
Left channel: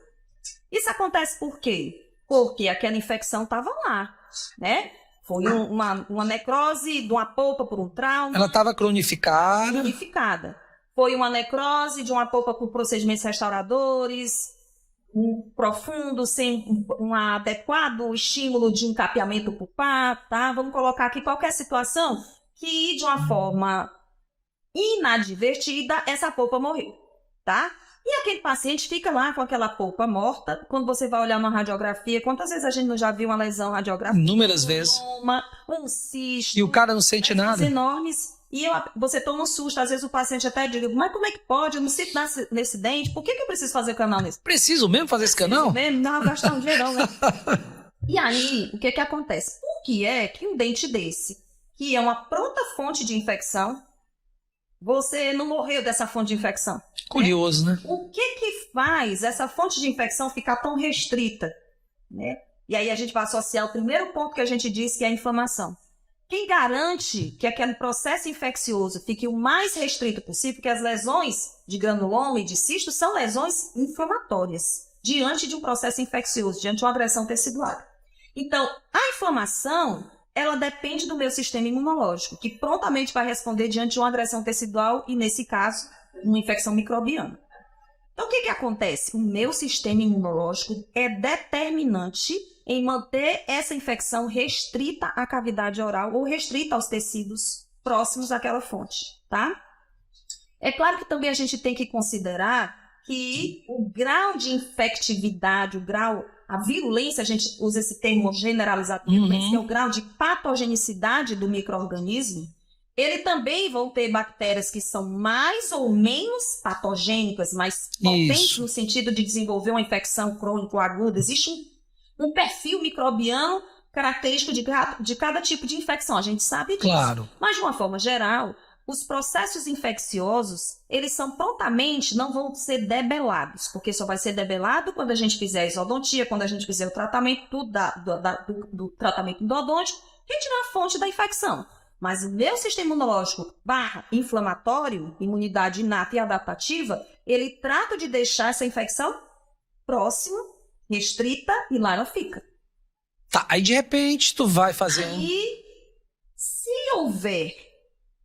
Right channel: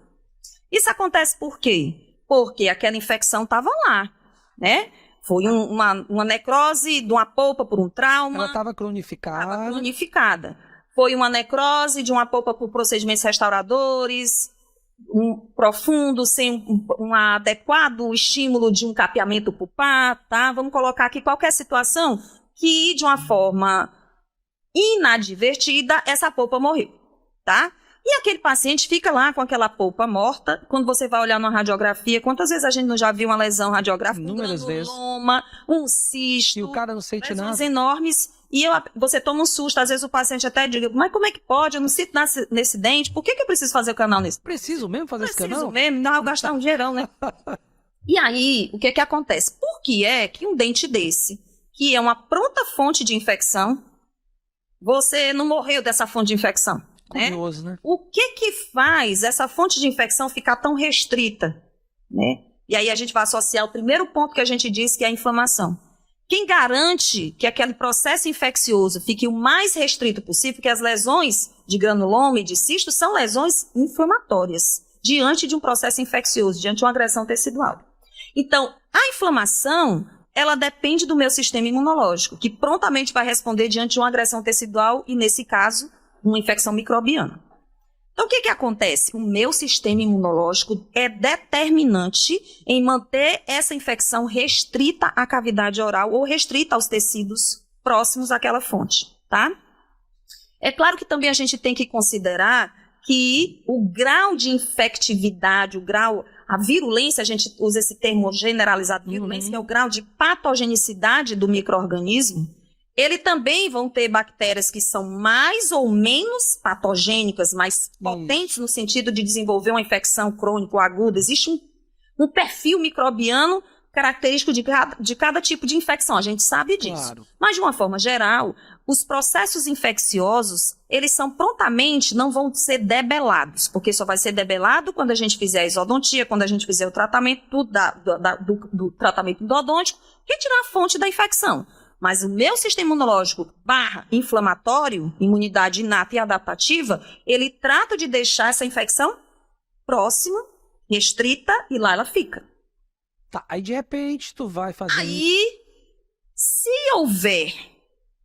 Isso acontece por quê? Porque aquela infecção estava lá, né? Foi uma necrose de uma polpa por um trauma. Ela estava cronificada. Foi uma necrose de uma polpa por procedimentos restauradores, profundo, sem um adequado estímulo de um capeamento pulpar, tá? Vamos colocar aqui qualquer situação que, de uma forma inadvertida, essa polpa morreu, tá? E aquele paciente fica lá com aquela polpa morta. Quando você vai olhar na radiografia, quantas vezes a gente não já viu uma lesão radiográfica? Inúmeras vezes. Um cisto. E o cara não sente nada. Enormes. E você toma um susto. Às vezes o paciente até diz, mas como é que pode? Eu não sinto nesse dente. Por que eu preciso fazer o canal nesse? Preciso mesmo fazer esse canal? Preciso mesmo. Não, gastar um dinheirão, né? E aí, o que acontece? Por que é que um dente desse, que é uma pronta fonte de infecção, você não morreu dessa fonte de infecção? Curioso, né? O que faz essa fonte de infecção ficar tão restrita, né? E aí a gente vai associar o primeiro ponto que a gente disse, que é a inflamação. Quem garante que aquele processo infeccioso fique o mais restrito possível, porque as lesões de granuloma e de cisto são lesões inflamatórias, diante de um processo infeccioso, diante de uma agressão tecidual. Então, a inflamação, ela depende do meu sistema imunológico, que prontamente vai responder diante de uma agressão tecidual e, nesse caso, uma infecção microbiana. Então, o que acontece? O meu sistema imunológico é determinante em manter essa infecção restrita à cavidade oral ou restrita aos tecidos próximos àquela fonte, tá? É claro que também a gente tem que considerar que o grau de infectividade, a virulência, a gente usa esse termo generalizado de virulência, que é o grau de patogenicidade do micro-organismo, ele também vão ter bactérias que são mais ou menos patogênicas, mais potentes no sentido de desenvolver uma infecção crônica ou aguda. Existe um perfil microbiano característico de cada tipo de infecção, a gente sabe disso. Claro. Mas, de uma forma geral, os processos infecciosos, eles são prontamente, não vão ser debelados, porque só vai ser debelado quando a gente fizer a isodontia, quando a gente fizer o tratamento do tratamento endodôntico, que tirar a fonte da infecção. Mas o meu sistema imunológico /inflamatório, imunidade inata e adaptativa, ele trata de deixar essa infecção próxima, restrita, e lá ela fica. Tá, aí de repente tu vai fazer... Aí, se houver,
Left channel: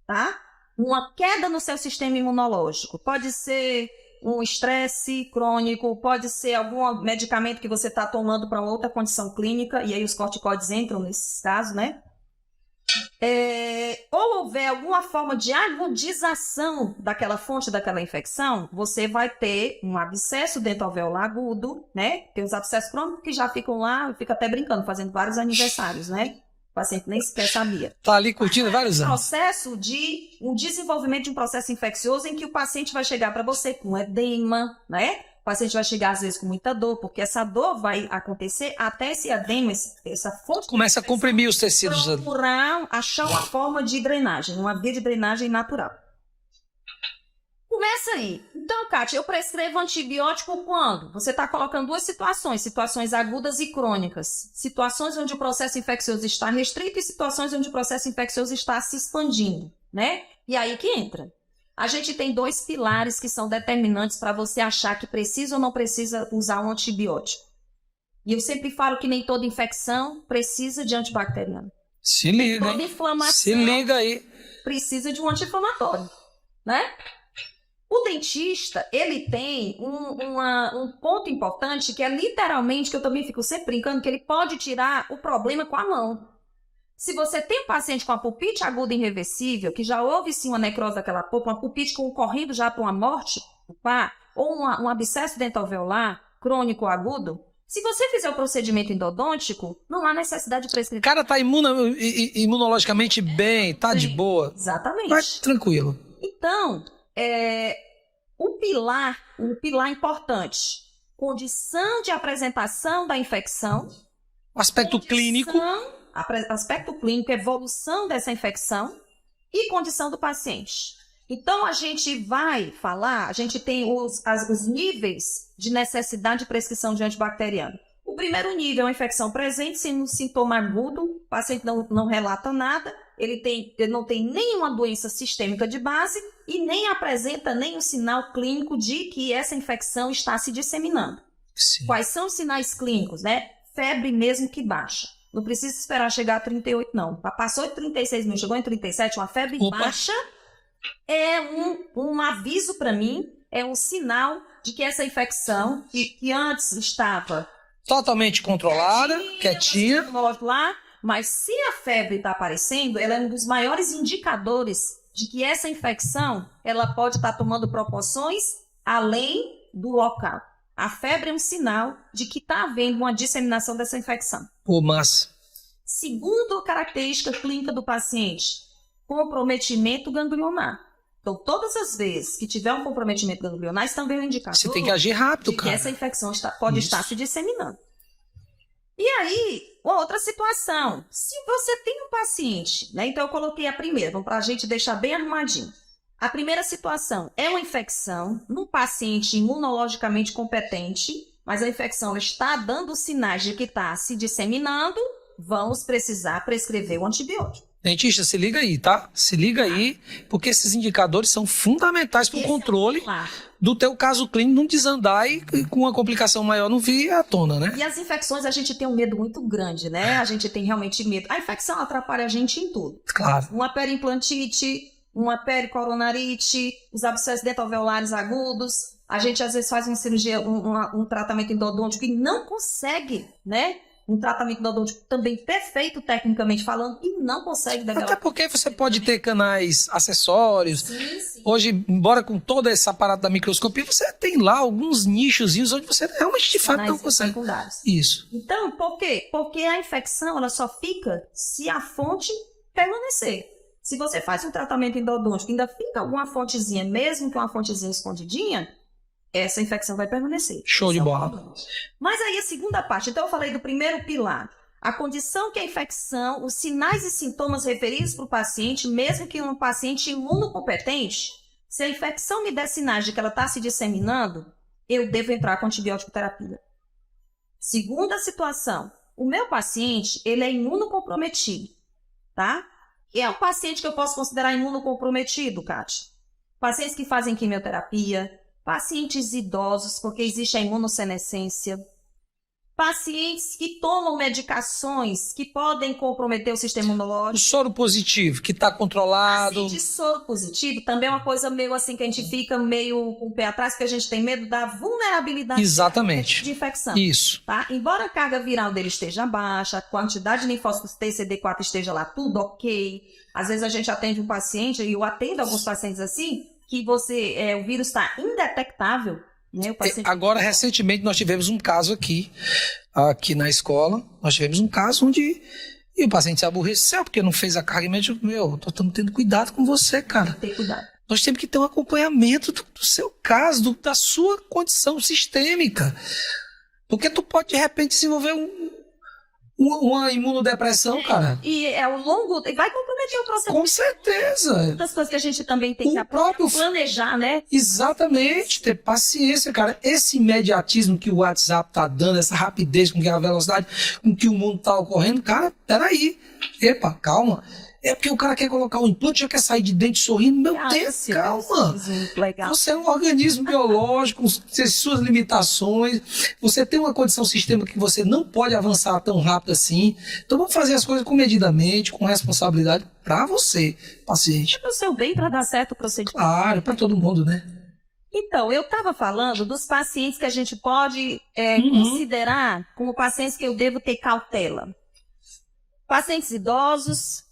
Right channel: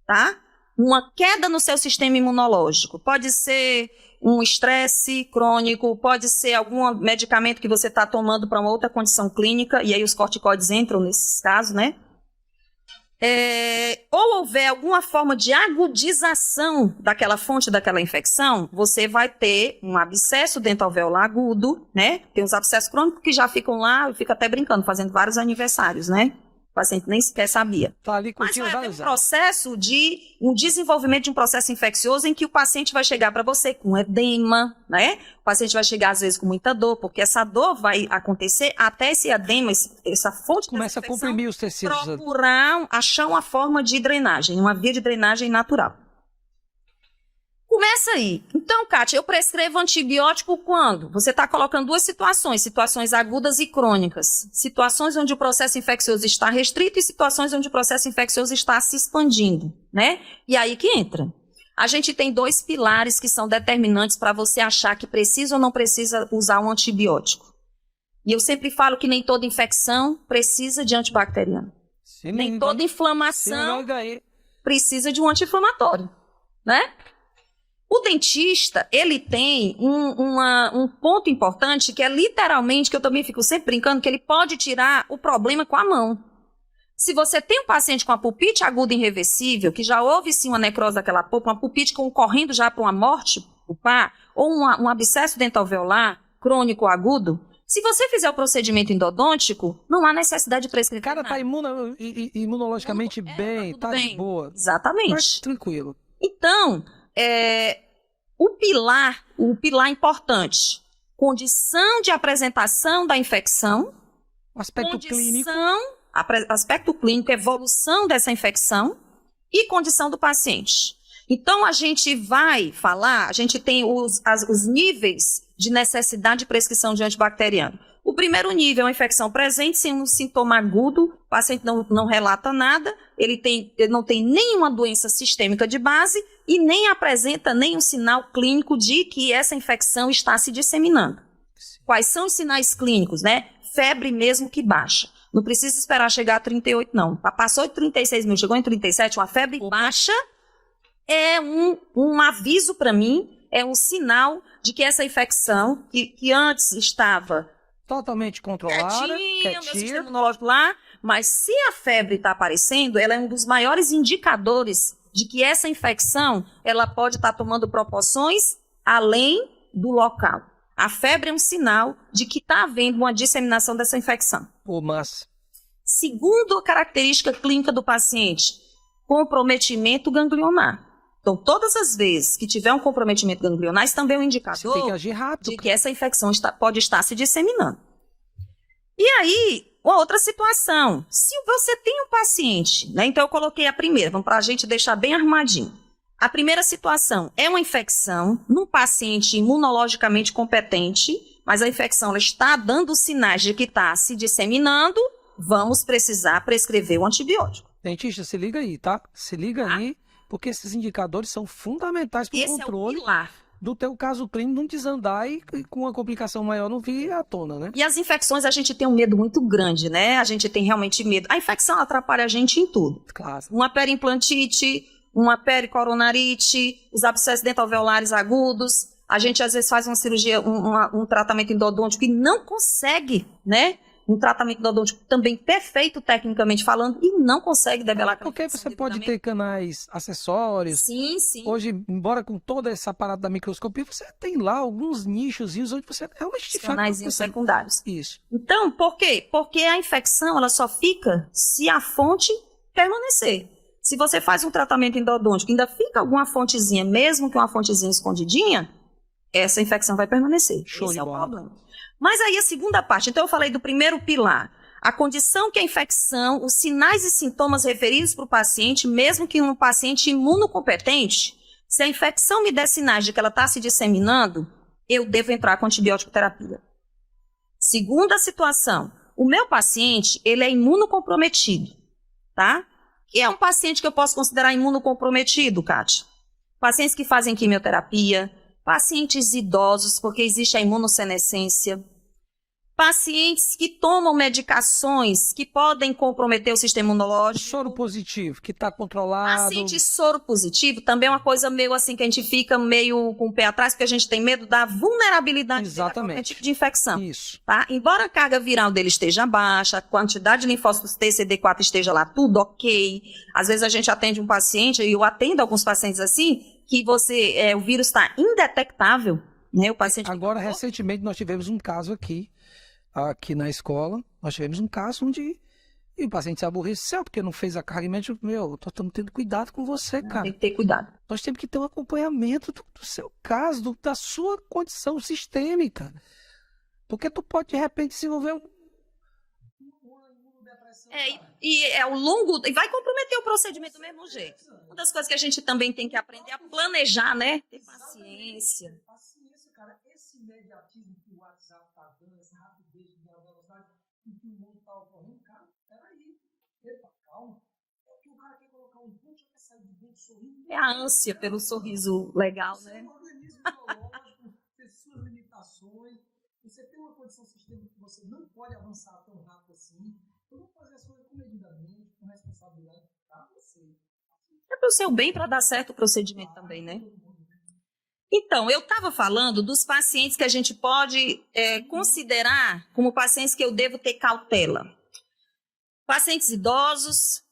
tá, uma queda no seu sistema imunológico, pode ser um estresse crônico, pode ser algum medicamento que você está tomando para uma outra condição clínica, e aí os corticoides entram nesses casos, né? Ou houver alguma forma de agudização daquela fonte daquela infecção, você vai ter um abscesso dentoalveolar agudo, né? Tem os abscessos crônicos que já ficam lá, eu fico até brincando, fazendo vários aniversários, né? O paciente nem sequer sabia. Tá ali curtindo vários anos. Processo de um desenvolvimento de um processo infeccioso em que o paciente vai chegar para você com edema, né? O paciente vai chegar às vezes com muita dor, porque essa dor vai acontecer até esse edema, essa fonte começa a comprimir os tecidos. Procurar achar uma forma de drenagem, uma via de drenagem natural. Começa aí. Então, Kátia, eu prescrevo antibiótico quando? Você está colocando duas situações agudas e crônicas. Situações onde o processo infeccioso está restrito e situações onde o processo infeccioso está se expandindo, né? E aí que entra. A gente tem dois pilares que são determinantes para você achar que precisa ou não precisa usar um antibiótico. E eu sempre falo que nem toda infecção precisa de antibacteriano. Se liga, nem toda inflamação se liga aí. Precisa de um anti-inflamatório, né? O dentista, ele tem um ponto importante que é literalmente, que eu também fico sempre brincando, que ele pode tirar o problema com a mão. Se você tem um paciente com a pulpite aguda irreversível, que já houve sim uma necrose daquela polpa, uma pulpite correndo já para uma morte pulpar, ou um abscesso dentoalveolar crônico ou agudo, se você fizer o procedimento endodôntico, não há necessidade de prescrever. O cara está imunologicamente bem, tá de boa. Exatamente. Mas tranquilo. Então, o pilar importante, condição de apresentação da infecção, o aspecto clínico, evolução dessa infecção e condição do paciente. Então, a gente vai falar, a gente tem os níveis de necessidade de prescrição de antibacteriano. O primeiro nível é uma infecção presente, sem um sintoma agudo, o paciente não relata nada, ele não tem nenhuma doença sistêmica de base e nem apresenta nenhum sinal clínico de que essa infecção está se disseminando. Sim. Quais são os sinais clínicos, né? Febre mesmo que baixa. Não precisa esperar chegar a 38, não. Passou de 36 mil, chegou em 37, uma febre baixa é um aviso para mim, é um sinal de que essa infecção, que antes estava totalmente controlada, quietinha. Lá, mas se a febre está aparecendo, ela é um dos maiores indicadores de que essa infecção ela pode estar tomando proporções além do local. A febre é um sinal de que está havendo uma disseminação dessa infecção. Pô, mas... Segunda característica clínica do paciente, comprometimento ganglionar. Então, todas as vezes que tiver um comprometimento ganglionar, isso também é um indicador você tem que agir rápido, de cara. que essa infecção pode estar se disseminando. E aí, uma outra situação. Se você tem um paciente, né? Então eu coloquei a primeira, vamos para a gente deixar bem arrumadinho. A primeira situação é uma infecção num paciente imunologicamente competente, mas a infecção ela está dando sinais de que está se disseminando, vamos precisar prescrever o antibiótico. Dentista, se liga aí, tá? Se liga aí, porque esses indicadores são fundamentais para o controle do teu caso clínico não desandar e com uma complicação maior não vir à tona, né? E as infecções, a gente tem um medo muito grande, né? A gente tem realmente medo. A infecção atrapalha a gente em tudo. Claro. Uma periimplantite, uma pericoronarite, os abscessos dentalveolares agudos. A gente, às vezes, faz uma cirurgia, um tratamento endodôntico e não consegue, né? Um tratamento endodôntico também perfeito, tecnicamente falando, e não consegue develar. Até porque você pode ter canais acessórios. Sim, sim. Hoje, embora com todo esse aparato da microscopia, você tem lá alguns nichozinhos onde você realmente de fato não consegue. Secundários. Isso. Então, por quê? Porque a infecção ela só fica se a fonte permanecer. Se você faz um tratamento endodôntico, ainda fica alguma fontezinha, mesmo que uma fontezinha escondidinha, essa infecção vai permanecer. Show de bola. Mas aí a segunda parte, então eu falei do primeiro pilar, a condição que a infecção, os sinais e sintomas referidos para o paciente, mesmo que um paciente imunocompetente, se a infecção me der sinais de que ela está se disseminando, eu devo entrar com antibiótico terapia. Segunda situação, o meu paciente, ele é imunocomprometido, tá? E é um paciente que eu posso considerar imunocomprometido, Kátia. Pacientes que fazem quimioterapia, pacientes idosos, porque existe a imunossenescência, pacientes que tomam medicações que podem comprometer o sistema O imunológico. soro positivo, que está controlado. Paciente soro positivo também é uma coisa meio assim que a gente fica meio com o pé atrás, porque a gente tem medo da vulnerabilidade Exatamente. de infecção. Isso. Tá? Embora a carga viral dele esteja baixa, a quantidade de linfócitos TCD4 esteja lá, tudo ok. Às vezes a gente atende um paciente, e eu atendo alguns pacientes assim, que o vírus está indetectável, né? O paciente... Agora, recentemente, nós tivemos um caso aqui na escola, nós tivemos um caso onde o paciente se aborreceu porque não fez a carga médica. Estamos tendo cuidado com você, cara. Tem que ter cuidado. Nós temos que ter um acompanhamento do seu caso, da sua condição sistêmica. Porque tu pode, de repente, desenvolver uma imunodepressão, cara. E ao longo... Vai comprometer o processo. Com certeza. Das coisas que a gente também tem que próprio... planejar, né? Exatamente. Ter paciência, cara. Esse imediatismo que o WhatsApp tá dando, essa rapidez com que a velocidade com que o mundo tá ocorrendo, cara, peraí. Epa, calma. É porque o cara quer colocar um implante, já quer sair de dente sorrindo. Meu Deus, calma. Você é um organismo biológico, com suas limitações. Você tem uma condição sistêmica que você não pode avançar tão rápido assim. Então vamos fazer as coisas comedidamente, com responsabilidade para você, paciente. É para o seu bem, para dar certo o procedimento. Claro, para todo mundo, né? Então, eu estava falando dos pacientes que a gente pode considerar como pacientes que eu devo ter cautela. Pacientes idosos,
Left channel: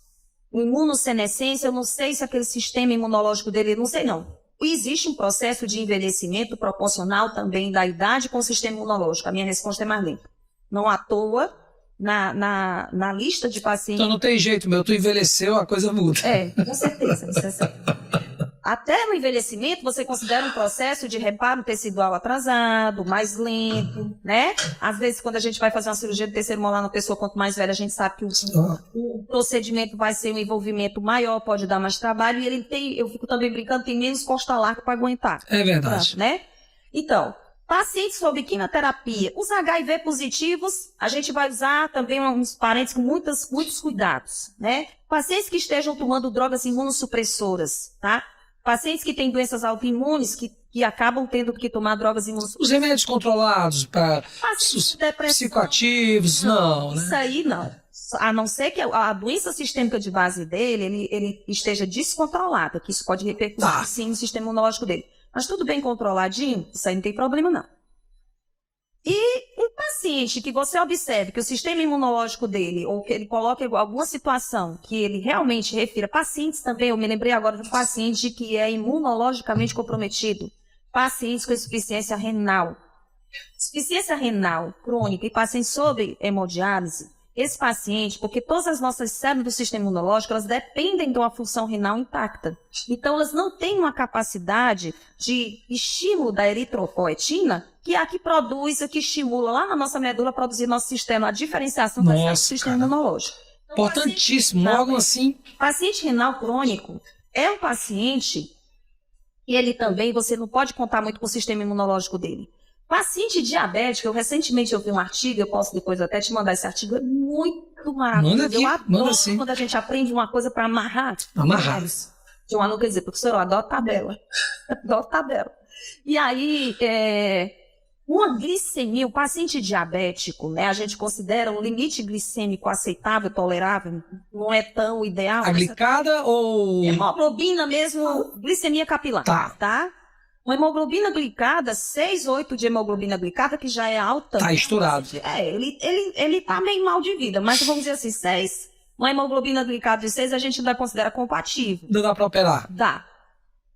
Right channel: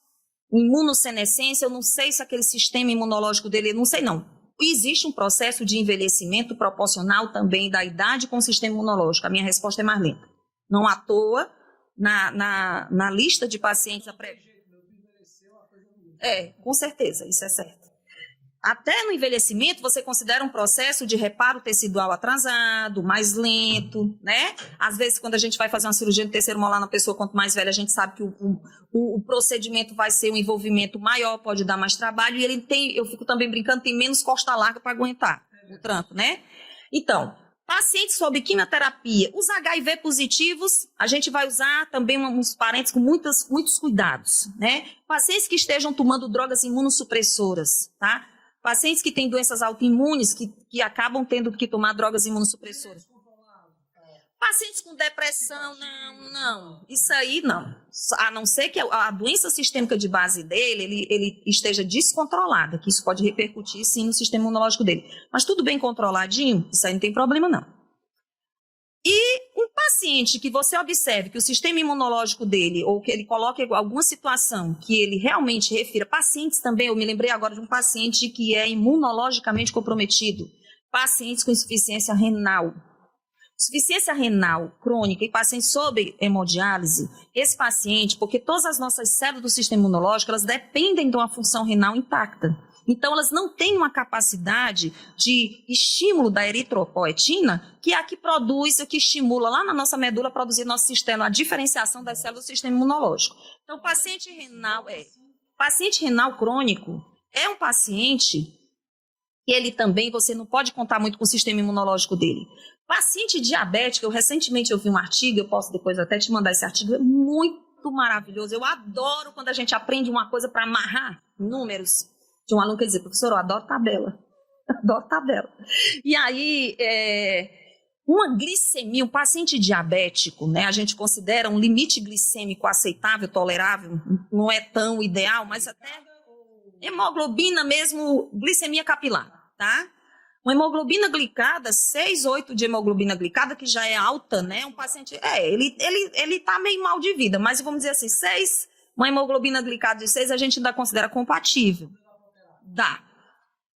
imunossenescência, eu não sei se aquele sistema imunológico dele, não sei não. Existe um processo de envelhecimento proporcional também da idade com o sistema imunológico. A minha resposta é mais lenta. Não à toa, na lista de pacientes... Então não tem jeito, tu envelheceu, a coisa muda. Com certeza, isso é certo. até no envelhecimento, você considera um processo de reparo tecidual atrasado, mais lento, né? Às vezes, quando a gente vai fazer uma cirurgia de terceiro molar na pessoa, quanto mais velha, a gente sabe que o procedimento vai ser um envolvimento maior, pode dar mais trabalho, e ele tem, eu fico também brincando, tem menos costa larga para aguentar. É verdade. Né? Então, pacientes sob quimioterapia, os HIV positivos, a gente vai usar também uns parentes com muitos cuidados, né? Pacientes que estejam tomando drogas imunossupressoras, tá? Pacientes que têm doenças autoimunes, que acabam tendo que tomar drogas imunossupressoras. Os remédios controlados para psicoativos, não, né? Isso aí não. A não ser que a doença sistêmica de base dele, ele esteja descontrolada, que isso pode repercutir sim no sistema imunológico dele. Mas tudo bem controladinho, isso aí não tem problema não. E um paciente que você observe que o sistema imunológico dele, ou que ele coloque alguma situação que ele realmente refira, pacientes também, eu me lembrei agora de um paciente que é imunologicamente comprometido, pacientes com insuficiência renal. Insuficiência renal crônica e pacientes sob hemodiálise, esse paciente, porque todas as nossas células do sistema imunológico, elas dependem de uma função renal intacta. Então, elas não têm uma capacidade de estímulo da eritropoetina, que é a que produz, a que estimula lá na nossa medula a produzir nosso sistema, a diferenciação das células do sistema imunológico. Então, importantíssimo, algo assim. Paciente renal crônico é um paciente que ele também, você não pode contar muito com o sistema imunológico dele. Paciente diabético, eu recentemente ouvi um artigo, eu posso depois até te mandar esse artigo, é muito maravilhoso. Eu adoro quando a gente aprende uma coisa para amarrar. De um aluno que dizer, professor, eu adoro tabela. Adoro tabela. E aí, uma glicemia, um paciente diabético, né, a gente considera um limite glicêmico aceitável, tolerável, não é tão ideal. A glicada ou... Hemoglobina mesmo, glicemia capilar. Tá? Uma hemoglobina glicada, 6, 8 de hemoglobina glicada, que já é alta. Tá, né? estourado. Ele tá meio mal de vida, mas vamos dizer assim, 6, uma hemoglobina glicada de 6 a gente ainda considera compatível. Não dá para operar? Dá.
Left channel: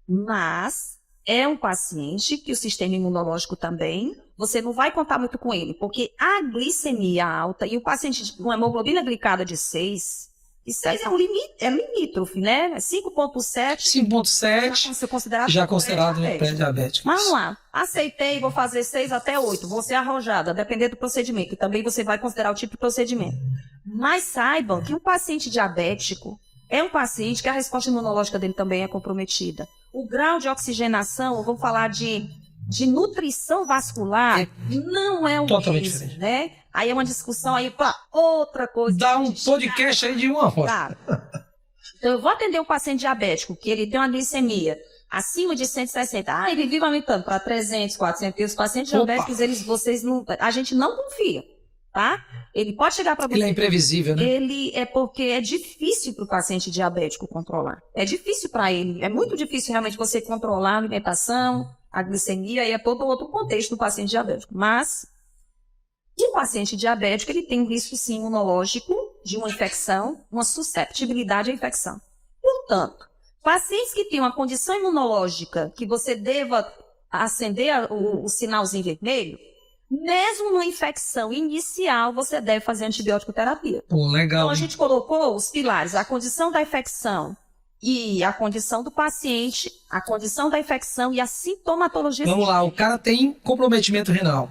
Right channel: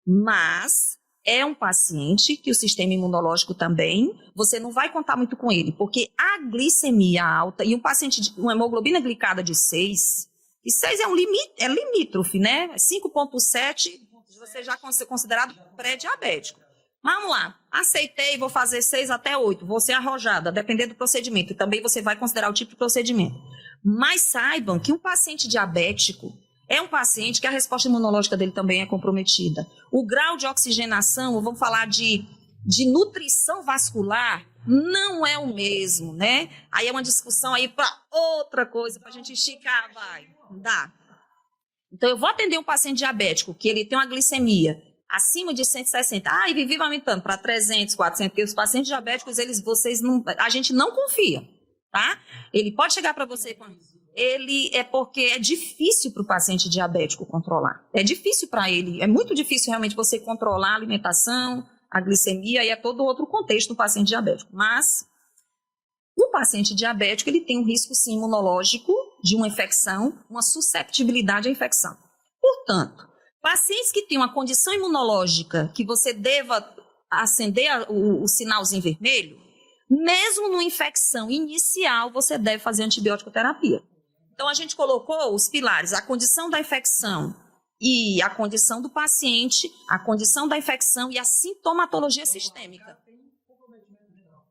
Mas é um paciente que o sistema imunológico também, você não vai contar muito com ele, porque a glicemia alta e o paciente com hemoglobina glicada de 6... E 6 é limítrofe, né? 5,7. 5,7 já considerado pré-diabético. Vamos lá. Aceitei, vou fazer 6 até 8. Vou ser arrojada, dependendo do procedimento. E também você vai considerar o tipo de procedimento. Mas saibam que um paciente diabético é um paciente que a resposta imunológica dele também é comprometida. O grau de oxigenação, eu vou falar de nutrição vascular, não é o mesmo, diferente, né? Aí é uma discussão aí para outra coisa. Dá um podcast aí de uma hora. Tá. Então, eu vou atender um paciente diabético que ele tem uma glicemia acima de 160. Ele vive aumentando para 300, 400. Porque os pacientes diabéticos, a gente não confia, tá? Ele pode chegar para você... Ele é imprevisível, né? Ele é porque é difícil para o paciente diabético controlar. É difícil para ele. É muito difícil realmente você controlar a alimentação, a glicemia e todo outro contexto do paciente diabético. Mas o paciente diabético, ele tem um risco sim imunológico de uma infecção, uma susceptibilidade à infecção. Portanto, pacientes que têm uma condição imunológica que você deva acender o sinalzinho vermelho, mesmo numa infecção inicial, você deve fazer antibiótico terapia. Legal. Então, a gente colocou os pilares, a condição da infecção e a condição do paciente, a condição da infecção e a sintomatologia sistêmica. Vamos lá, o cara tem comprometimento renal.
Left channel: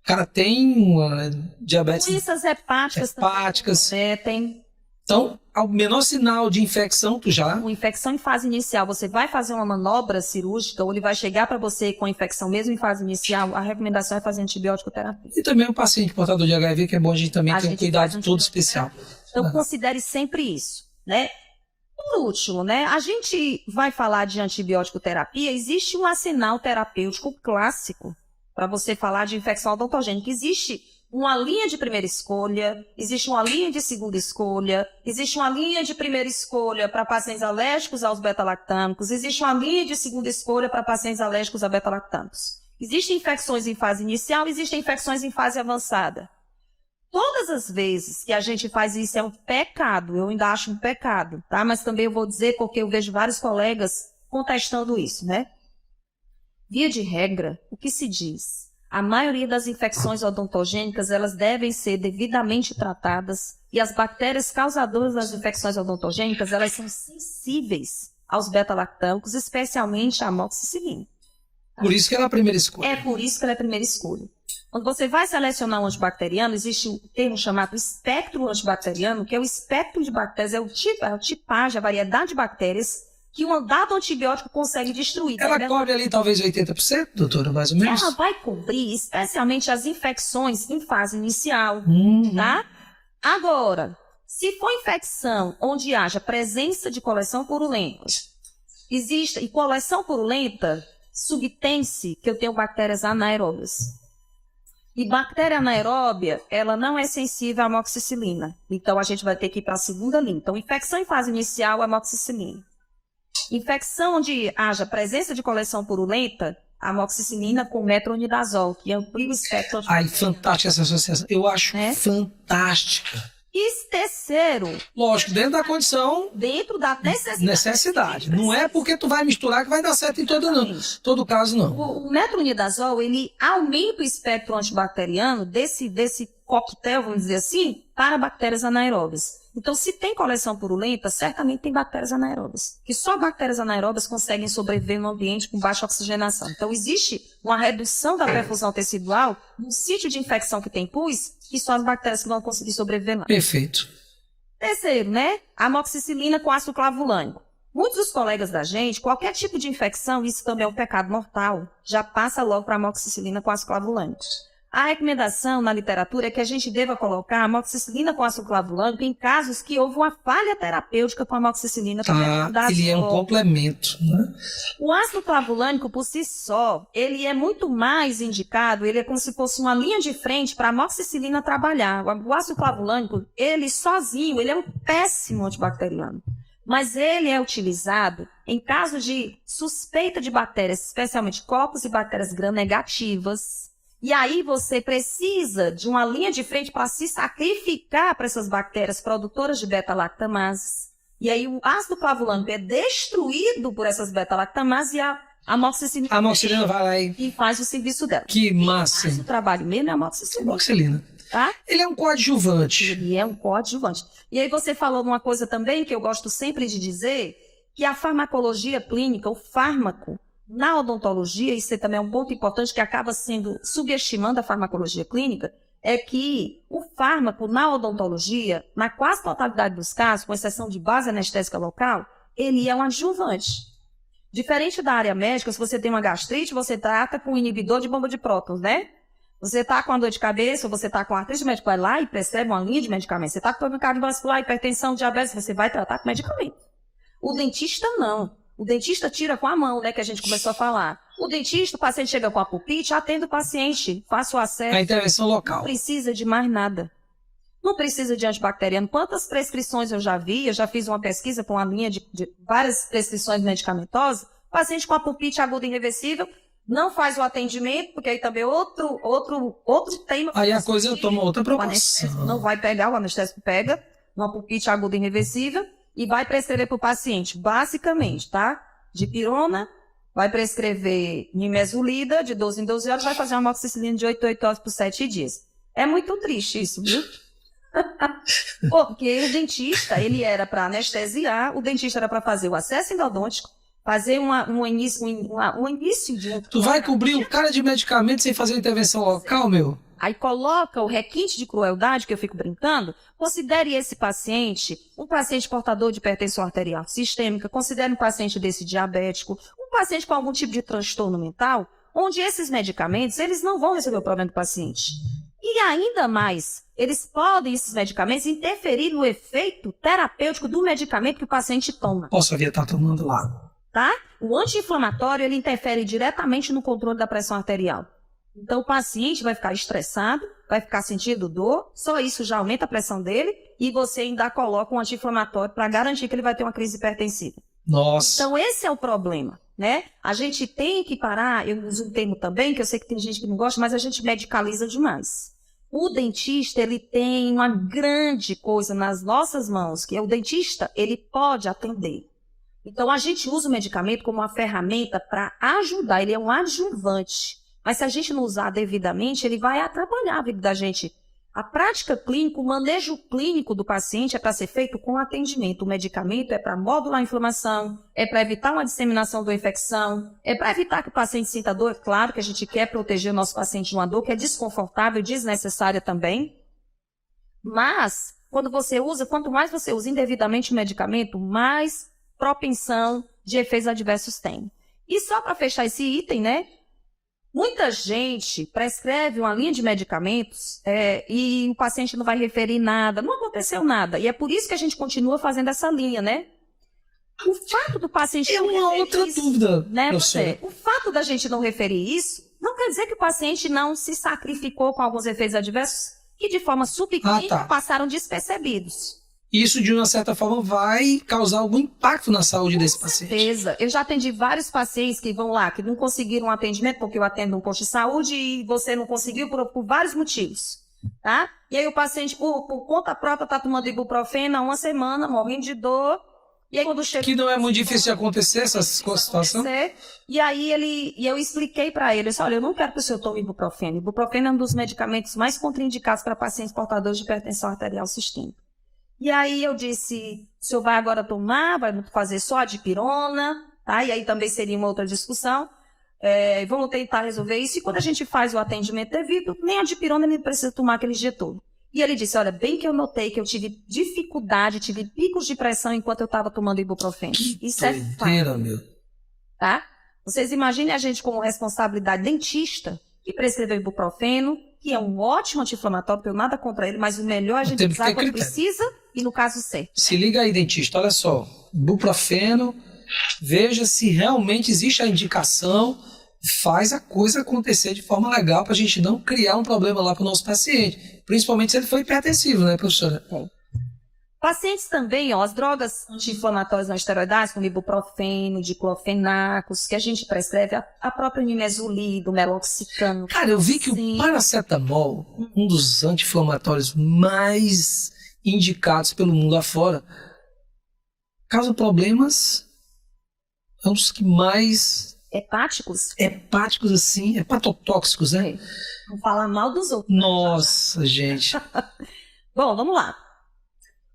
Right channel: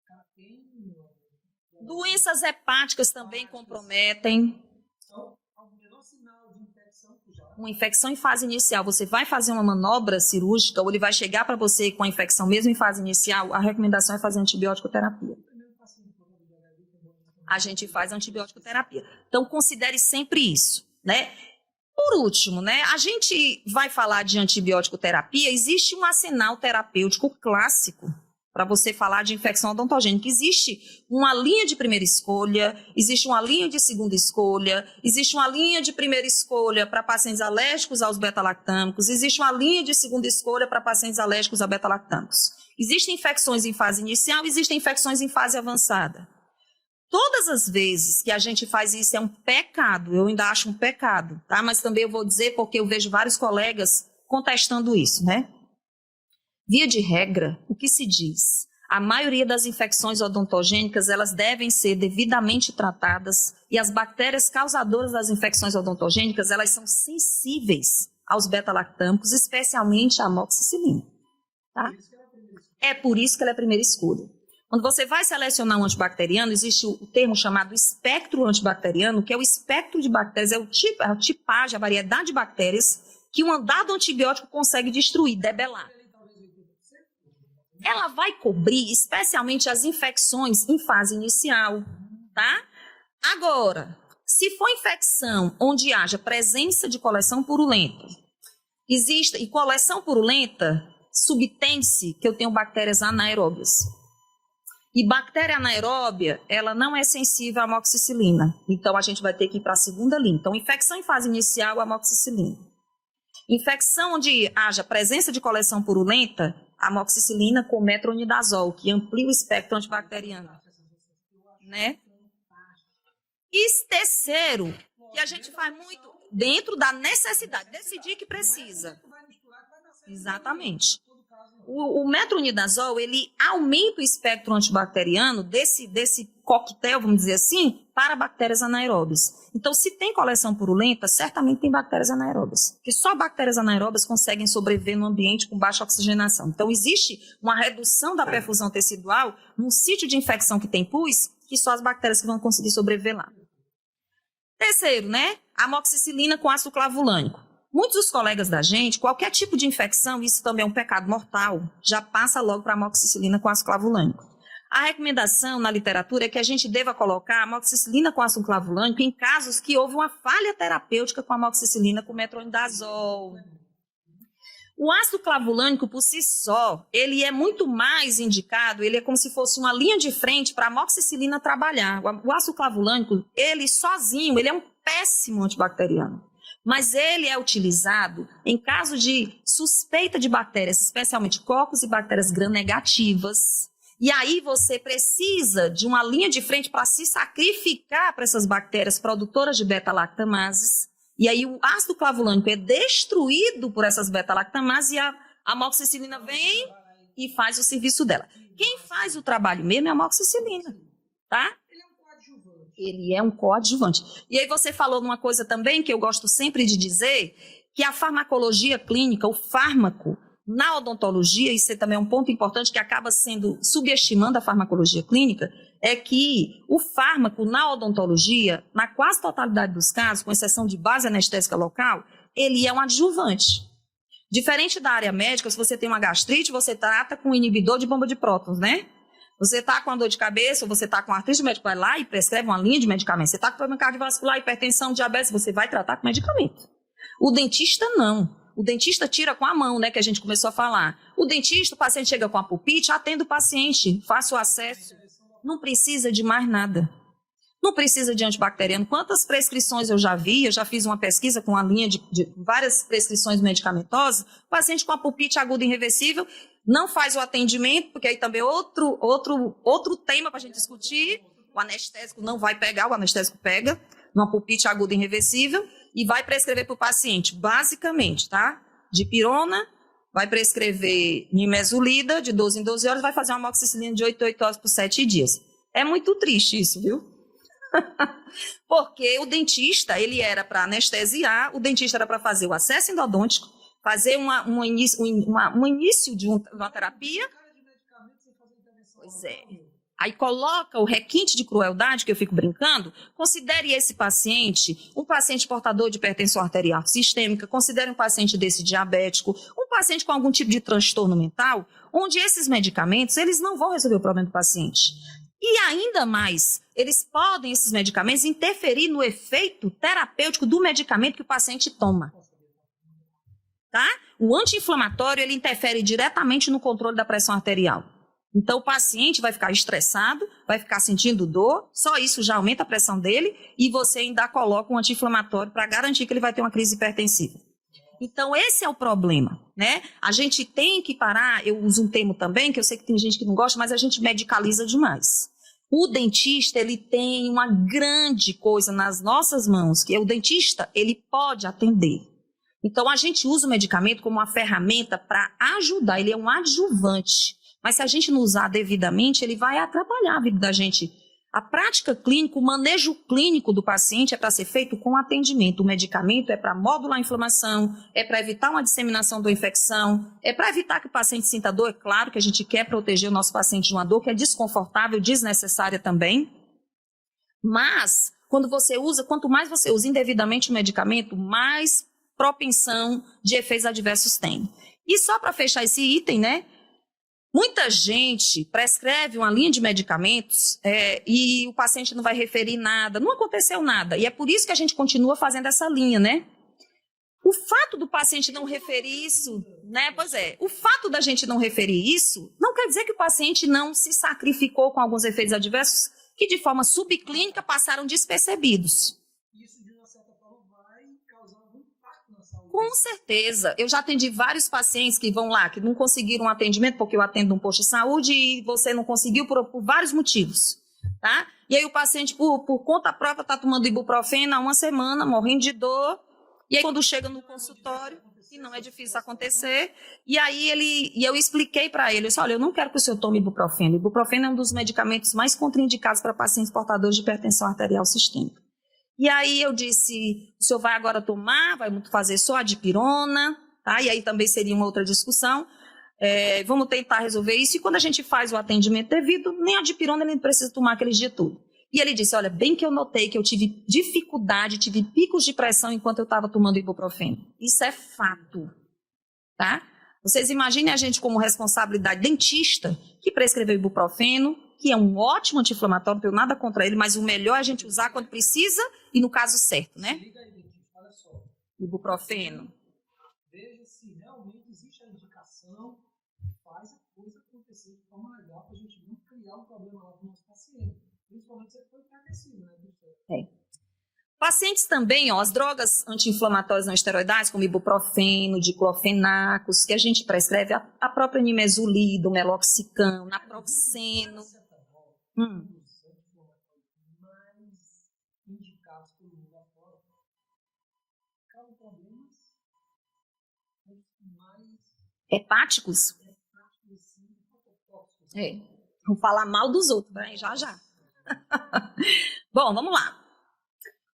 O cara tem uma diabetes... Doenças hepáticas também comprometem. Então, ao menor sinal de infecção, tu já... Uma infecção em fase inicial, você vai fazer uma manobra cirúrgica ou ele vai chegar para você com a infecção mesmo em fase inicial, a recomendação é fazer antibiótico terapia. E também o paciente portador de HIV, que é bom a gente também ter um cuidado todo especial. Então, considere sempre isso, né? Por último, né, a gente vai falar de antibiótico terapia, existe um arsenal terapêutico clássico para você falar de infecção odontogênica. Existe uma linha de primeira escolha, existe uma linha de segunda escolha, existe uma linha de primeira escolha para pacientes alérgicos aos beta-lactâmicos, existe uma linha de segunda escolha para pacientes alérgicos a beta-lactâmicos. Existem infecções em fase inicial, existem infecções em fase avançada. Todas as vezes que a gente faz isso é um pecado, eu ainda acho um pecado, tá? Mas também eu vou dizer porque eu vejo vários colegas contestando isso, né? Via de regra, o que se diz? A maioria das infecções odontogênicas, elas devem ser devidamente tratadas e as bactérias causadoras das infecções odontogênicas, elas são sensíveis aos beta-lactâmicos, especialmente a amoxicilina. Tá? Por isso que ela é a primeira escolha. É por isso que ela é a primeira escolha. Quando você vai selecionar um antibacteriano, existe o termo chamado espectro antibacteriano, que é o espectro de bactérias, é a tipagem, a variedade de bactérias que um dado antibiótico consegue destruir. Ela cobre ali talvez 80%, doutora, mais ou menos? Ela vai cobrir especialmente as infecções em fase inicial, tá? Agora, se for infecção onde haja presença de coleção purulenta, existe, e coleção purulenta subtende-se que eu tenho bactérias anaeróbias. E bactéria anaeróbia, ela não é sensível à amoxicilina. Então, a gente vai ter que ir para a segunda linha. Então, infecção em fase inicial, amoxicilina. Infecção onde haja presença de coleção purulenta, amoxicilina com metronidazol, que amplia o espectro antibacteriano. Ai, fantástica essa associação. Eu acho fantástica. E terceiro... Lógico, dentro da condição... Dentro da necessidade. Não é porque tu vai misturar que vai dar certo em todo caso, não. O metronidazol, ele aumenta o espectro antibacteriano desse coquetel, vamos dizer assim, para bactérias anaeróbias. Então, se tem coleção purulenta, certamente tem bactérias anaeróbias. Porque só bactérias anaeróbias conseguem sobreviver no ambiente com baixa oxigenação. Então, existe uma redução da perfusão tecidual num sítio de infecção que tem pus, que só as bactérias que vão conseguir sobreviver lá. Perfeito. Terceiro, né? Amoxicilina com ácido clavulânico. Muitos dos colegas da gente, qualquer tipo de infecção, isso também é um pecado mortal, já passa logo para amoxicilina com ácido clavulânico. A recomendação na literatura é que a gente deva colocar amoxicilina com ácido clavulânico em casos que houve uma falha terapêutica com a amoxicilina com metronidazol. Ele é um complemento, né? O ácido clavulânico, por si só, ele é muito mais indicado, ele é como se fosse uma linha de frente para a amoxicilina trabalhar. O ácido clavulânico, ele sozinho, ele é um péssimo antibacteriano. Mas ele é utilizado em caso de suspeita de bactérias, especialmente cocos e bactérias gram-negativas. E aí você precisa de uma linha de frente para se sacrificar para essas bactérias produtoras de beta-lactamases. E aí o ácido clavulânico é destruído por essas beta-lactamases e a amoxicilina vai lá e faz o serviço dela. Que massa! Quem faz o trabalho mesmo é a amoxicilina. Tá? Ele é um coadjuvante. Ele é um coadjuvante. E aí você falou uma coisa também que eu gosto sempre de dizer, que a farmacologia clínica, o fármaco, na odontologia, isso também é um ponto importante que acaba sendo subestimando a farmacologia clínica, é que o fármaco na odontologia, na quase totalidade dos casos, com exceção de base anestésica local, ele é um adjuvante. Diferente da área médica, se você tem uma gastrite, você trata com inibidor de bomba de prótons, né? Você está com a dor de cabeça, ou você está com artrite, o médico vai lá e prescreve uma linha de medicamentos. Você está com problema cardiovascular, hipertensão, diabetes, você vai tratar com medicamento. O dentista não. O dentista tira com a mão, né, que a gente começou a falar. O dentista, o paciente chega com a pulpite, atende o paciente, faça o acesso. A intervenção local. Não precisa de mais nada. Não precisa de antibacteriano. Quantas prescrições eu já vi? Eu já fiz uma pesquisa com a linha de várias prescrições medicamentosas. Paciente com a pulpite aguda irreversível, não faz o atendimento, porque aí também outro tema. Aí a coisa toma outra proporção. Não vai pegar, o anestésico pega, uma pulpite aguda irreversível, e vai prescrever para o paciente, basicamente, tá? Dipirona, vai prescrever nimesulida de 12 em 12 horas, vai fazer uma amoxicilina de 8 em 8 horas por 7 dias. É muito triste isso, viu? Porque o dentista, ele era para anestesiar, o dentista era para fazer o acesso endodôntico, fazer um início de um... Tu vai cobrir o cara de medicamento sem fazer intervenção local, meu? Aí coloca o requinte de crueldade, que eu fico brincando, considere esse paciente um paciente portador de hipertensão arterial sistêmica, considere um paciente desse diabético, um paciente com algum tipo de transtorno mental, onde esses medicamentos, eles não vão resolver o problema do paciente. E ainda mais, esses medicamentos, interferir no efeito terapêutico do medicamento que o paciente toma. Posso estar tomando lá. Tá? O anti-inflamatório, ele interfere diretamente no controle da pressão arterial. Então, o paciente vai ficar estressado, vai ficar sentindo dor, só isso já aumenta a pressão dele e você ainda coloca um anti-inflamatório para garantir que ele vai ter uma crise hipertensiva. Nossa. Então, esse é o problema, né? A gente tem que parar, eu uso um termo também, que eu sei que tem gente que não gosta, mas a gente medicaliza demais. O dentista, ele tem uma grande coisa nas nossas mãos, que é o dentista, ele pode atender. Então, a gente usa o medicamento como uma ferramenta para ajudar, ele é um adjuvante. Mas se a gente não usar devidamente, ele vai atrapalhar a vida da gente. A prática clínica, o manejo clínico do paciente é para ser feito com atendimento. O medicamento é para modular a inflamação, é para evitar uma disseminação da infecção, é para evitar que o paciente sinta dor. Claro que a gente quer proteger o nosso paciente de uma dor que é desconfortável e desnecessária também. Mas, quanto mais você usa indevidamente o medicamento, mais propensão de efeitos adversos tem. E só para fechar esse item, né? Muita gente prescreve uma linha de medicamentos e o paciente não vai referir nada, não aconteceu nada. E é por isso que a gente continua fazendo essa linha, né? O fato do paciente não referir outra isso, dúvida, né? Pois é, o fato da gente não referir isso não quer dizer que o paciente não se sacrificou com alguns efeitos adversos que de forma subclínica passaram despercebidos. Isso, de uma certa forma, vai causar algum impacto na saúde desse paciente. Com certeza. Eu já atendi vários pacientes que vão lá, que não conseguiram um atendimento, porque eu atendo no posto de saúde e você não conseguiu por vários motivos, tá? E aí o paciente, por conta própria, tá tomando ibuprofeno há uma semana, morrendo de dor. E aí quando chega... Que não é muito difícil de acontecer essa situação. E aí eu expliquei para ele, olha, eu não quero que o senhor tome ibuprofeno. Ibuprofeno é um dos medicamentos mais contraindicados para pacientes portadores de hipertensão arterial sistêmica. E aí eu disse, o senhor vai agora tomar, vai fazer só a dipirona, tá? E aí também seria uma outra discussão. Vamos tentar resolver isso. E quando a gente faz o atendimento devido, nem a dipirona nem precisa tomar aquele dia todo. E ele disse, olha, bem que eu notei que eu tive dificuldade, tive picos de pressão enquanto eu estava tomando ibuprofeno. Isso é fato. Meu. Tá? Vocês imaginem a gente como responsabilidade dentista que prescreveu ibuprofeno, que é um ótimo anti-inflamatório, não tenho nada contra ele, mas o melhor é a gente usar quando precisa e no caso certo. Né? Se liga aí, dentista, olha só, ibuprofeno, veja se realmente existe a indicação, faz a coisa acontecer de forma legal para a gente não criar um problema lá para o nosso paciente, principalmente se ele for hipertensivo, né, professora? Pacientes também, as drogas anti-inflamatórias não esteroidais, como ibuprofeno, diclofenacos, que a gente prescreve, a própria nimesulida, o meloxicam. Cara, eu vi que o paracetamol, um dos anti-inflamatórios mais indicados pelo mundo afora, causa problemas, é um dos que mais... Hepáticos? Hepáticos, assim, hepatotóxicos, né? Vamos falar mal dos outros. Nossa, gente. Bom, vamos lá.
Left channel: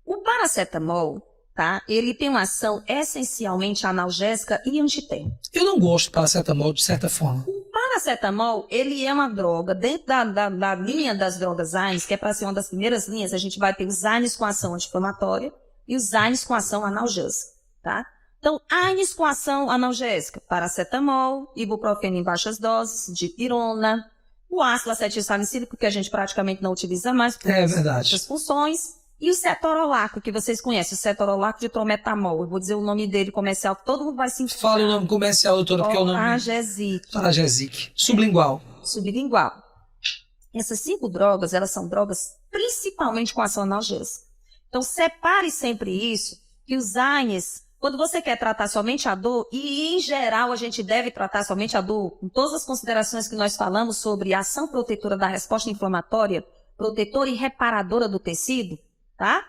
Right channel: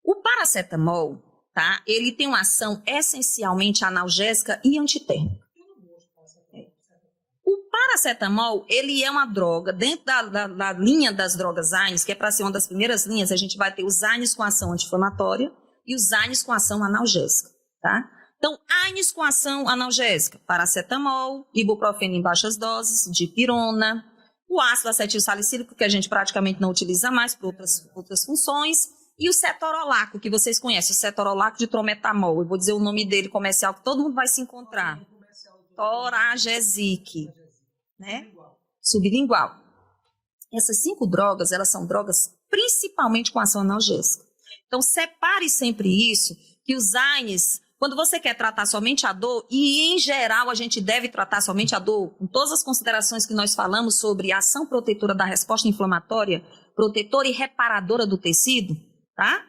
O paracetamol, tá? Ele tem uma ação essencialmente analgésica e antitérmica. Eu não gosto de paracetamol, de certa forma. O paracetamol, ele é uma droga, dentro da linha das drogas AINES, que é para ser uma das primeiras linhas, a gente vai ter os AINES com ação anti-inflamatória e os AINES com ação analgésica, tá? Então, AINES com ação analgésica, paracetamol, ibuprofeno em baixas doses, dipirona, o ácido acetilsalicílico, que a gente praticamente não utiliza mais por outras funções, e o cetorolaco, que vocês conhecem, o cetorolaco de trometamol. Eu vou dizer o nome dele comercial, que todo mundo vai se encontrar. Fala o nome comercial, doutora, porque é o nome... Paragesic. Sublingual. Sublingual. Essas 5 drogas, elas são drogas principalmente com ação analgésica. Então, separe sempre isso, que os AINES, quando você quer tratar somente a dor, e em geral a gente deve tratar somente a dor, com todas as considerações que nós falamos sobre a ação protetora da resposta inflamatória, protetora e reparadora do tecido, tá?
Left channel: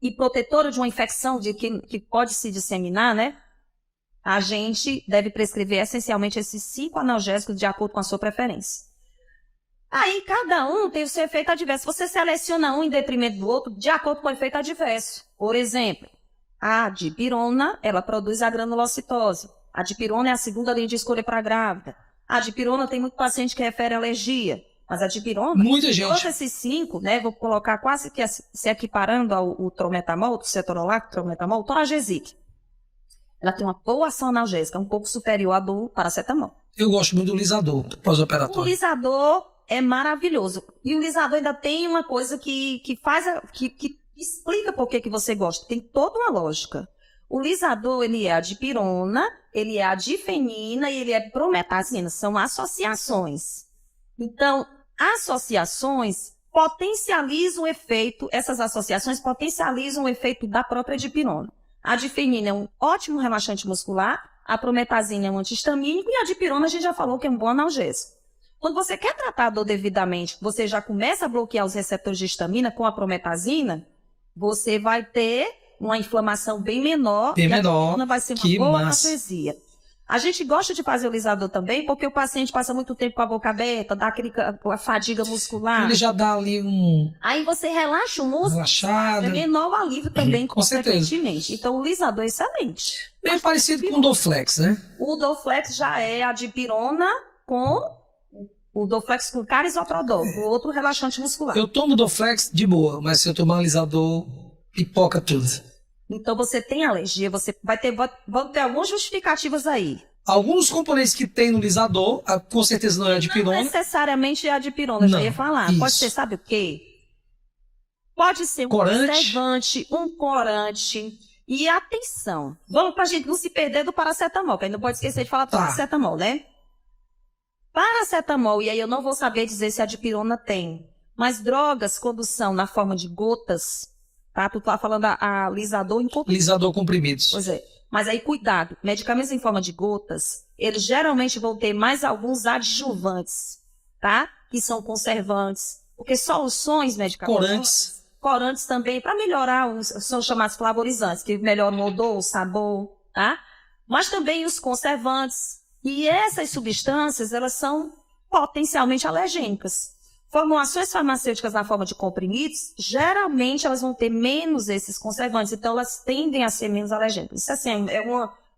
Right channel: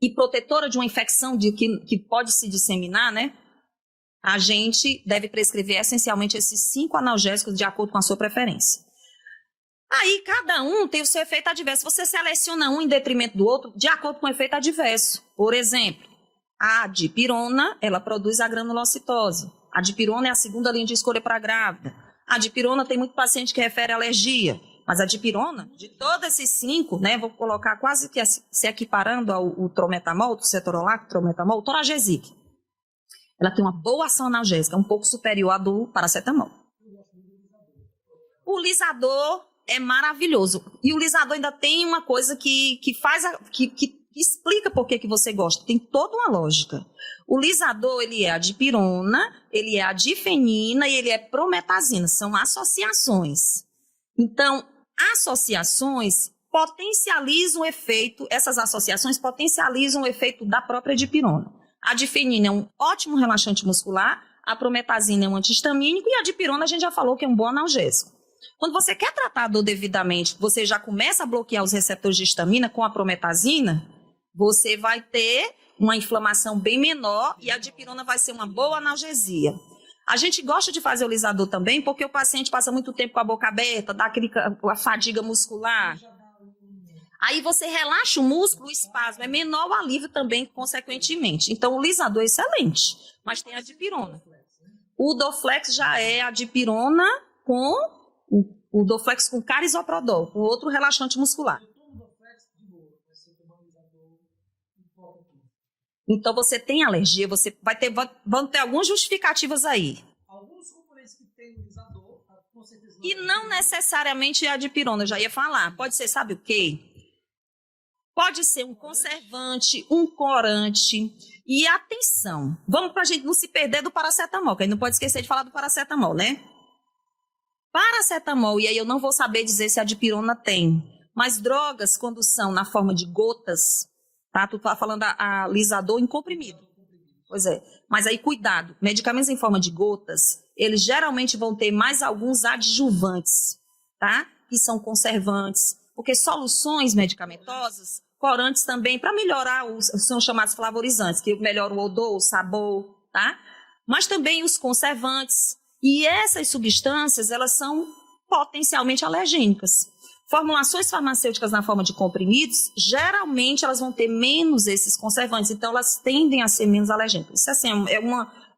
E protetora de uma infecção que pode se disseminar, né? A gente deve prescrever essencialmente esses 5 analgésicos de acordo com a sua preferência. Aí cada um tem o seu efeito adverso. Você seleciona um em detrimento do outro de acordo com o efeito adverso. Por exemplo, a dipirona, ela produz a granulocitose. A dipirona é a segunda linha de escolha para a grávida. A dipirona tem muito paciente que refere alergia. Mas a dipirona, todos esses 5, né, vou colocar quase que se equiparando ao trometamol, o cetorolaco, trometamol, o tonagesic. Ela tem uma boa ação analgésica, um pouco superior à do paracetamol. Eu gosto muito do lisador pós-operatório. O lisador é maravilhoso. E o lisador ainda tem uma coisa que explica por que você gosta. Tem toda uma lógica. O lisador, ele é a dipirona, ele é a difenina e ele é prometazina. São associações. Então, associações potencializam o efeito, essas associações potencializam o efeito da própria dipirona. A difenina é um ótimo relaxante muscular, a prometazina é um antihistamínico e a dipirona a gente já falou que é um bom analgésico. Quando você quer tratar a dor devidamente, você já começa a bloquear os receptores de histamina com a prometazina, você vai ter uma inflamação bem menor e a dipirona vai ser uma boa analgesia. A gente gosta de fazer o lisador também, porque o paciente passa muito tempo com a boca aberta, dá a fadiga muscular. Ele já dá ali um... Aí você relaxa o músculo, Relaxada. é menor o alívio também, Com certeza. consequentemente. Então, o lisador é excelente. Meio parecido com o Dorflex, né? O Dorflex já é a dipirona com o Dorflex com carisoprodol, o outro relaxante muscular. Eu tomo Dorflex de boa, mas se eu tomar um alisador, pipoca tudo. Então, você tem alergia, você vão ter algumas justificativas aí. Alguns componentes que tem no lisador, com certeza não é a Não dipirona. necessariamente a dipirona, eu já Não, ia falar. isso. Pode ser, sabe o quê? Pode ser um conservante, um corante. E atenção, vamos pra gente não se perder do paracetamol, que a gente não pode esquecer de falar do paracetamol, né? Paracetamol, e aí eu não vou saber dizer se a dipirona tem, mas drogas quando são na forma de gotas, tá? Tu tá falando a lisador em comprimidos. Lisador comprimidos. Pois é, mas aí cuidado, medicamentos em forma de gotas, eles geralmente vão ter mais alguns adjuvantes, tá? Que são conservantes, porque soluções medicamentosas... Corantes também, para melhorar, são chamados flavorizantes, que melhoram o odor, o sabor, tá? Mas também os conservantes. E essas substâncias, elas são potencialmente alergênicas. Formulações farmacêuticas na forma de comprimidos, geralmente elas vão ter menos esses conservantes, então elas tendem a ser menos alergênicas. Isso assim,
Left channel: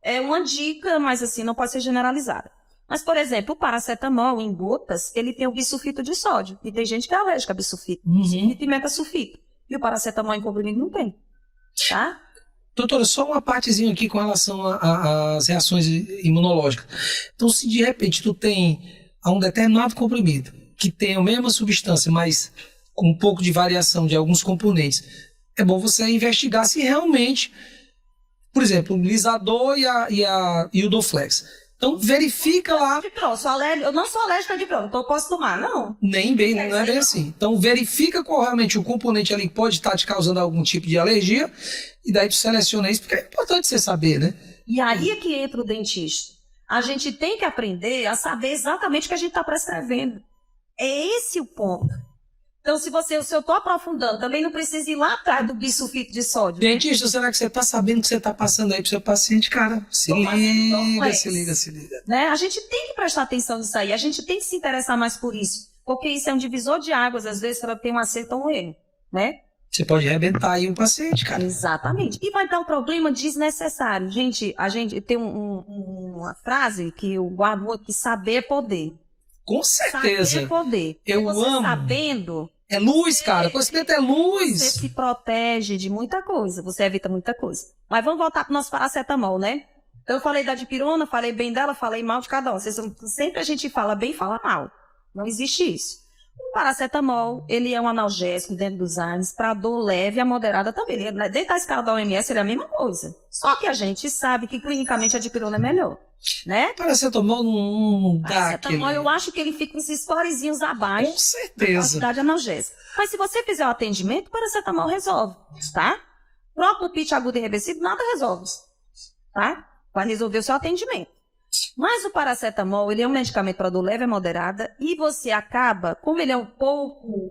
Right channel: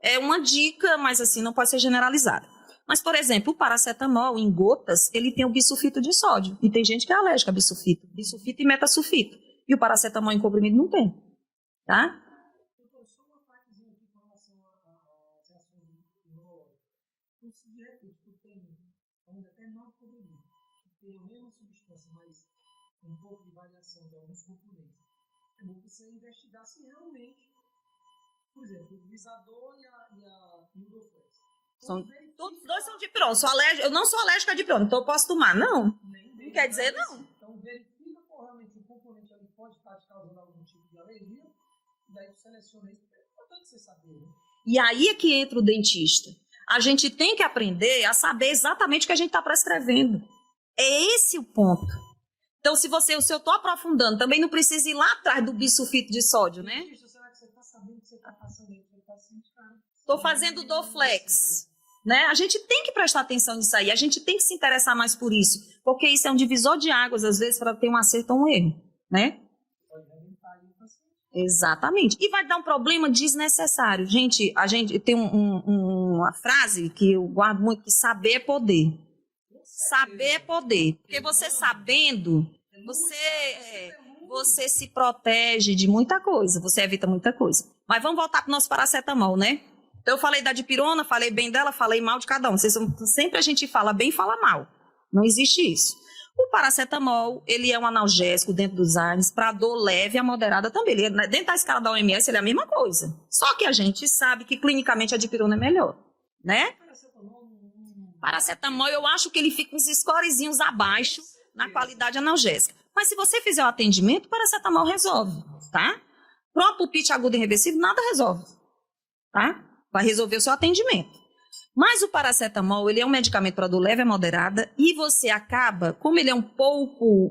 é uma dica, mas assim, não pode ser generalizada. Mas, por exemplo, o paracetamol em gotas, ele tem o bisulfito de sódio. E tem gente que é alérgica a bisulfito, bisulfito e metasulfito. E o paracetamol em comprimido não tem, tá? Doutora, só uma partezinha aqui com relação às reações imunológicas. Então, se de repente tu tem um determinado comprimido que tem a mesma substância, mas com um pouco de variação de alguns componentes, é bom você investigar se realmente, por exemplo, o lisador e o Dorflex. Então, verifica lá. Eu não sou alérgica a dipirona, então eu posso tomar, não. Nem bem, não é bem assim. Então, verifica qual realmente o componente ali pode estar te causando algum tipo de alergia, e daí tu seleciona isso, porque é importante você saber, né? E aí é que entra o dentista. A gente tem que aprender a saber exatamente o que a gente está prescrevendo. É esse o ponto. Então, se eu estou aprofundando, também não precisa ir lá atrás do bisulfito de sódio. Dentista, será que você está sabendo o que você está passando aí para o seu paciente, cara? Se liga, se liga. Né? A gente tem que prestar atenção nisso aí, a gente tem que se interessar mais por isso, porque isso é um divisor de águas, às vezes, para ter um acerto ou um erro, né? Você pode arrebentar aí um paciente, cara. Exatamente. E vai dar um problema desnecessário. Gente, a gente tem uma frase que eu guardo muito, que saber é poder. Com certeza. Saber é poder. Eu você amo. sabendo... É luz, cara. Conhecimento é luz. Você se protege de muita coisa, você evita muita coisa. Mas vamos voltar para o nosso paracetamol, né? Então, eu falei da dipirona, falei bem dela, falei mal de cada um. Sempre a gente fala bem e fala mal. Não existe isso. O paracetamol, ele é um analgésico dentro dos ANES para dor leve a moderada também. Ele, né, dentro da escala da OMS, ele é a mesma coisa. Só que a gente sabe que clinicamente a dipirona é melhor, né? Paracetamol não dá Paracetamol, aquele... eu acho que ele fica uns scorezinhos abaixo Com certeza. na quantidade analgésica. Mas se você fizer o atendimento, o paracetamol resolve, tá? Propopite agudo e reversível, nada resolve, tá? Vai resolver o seu atendimento. Mas o paracetamol, ele é um medicamento para dor leve a moderada e você acaba, como ele é um pouco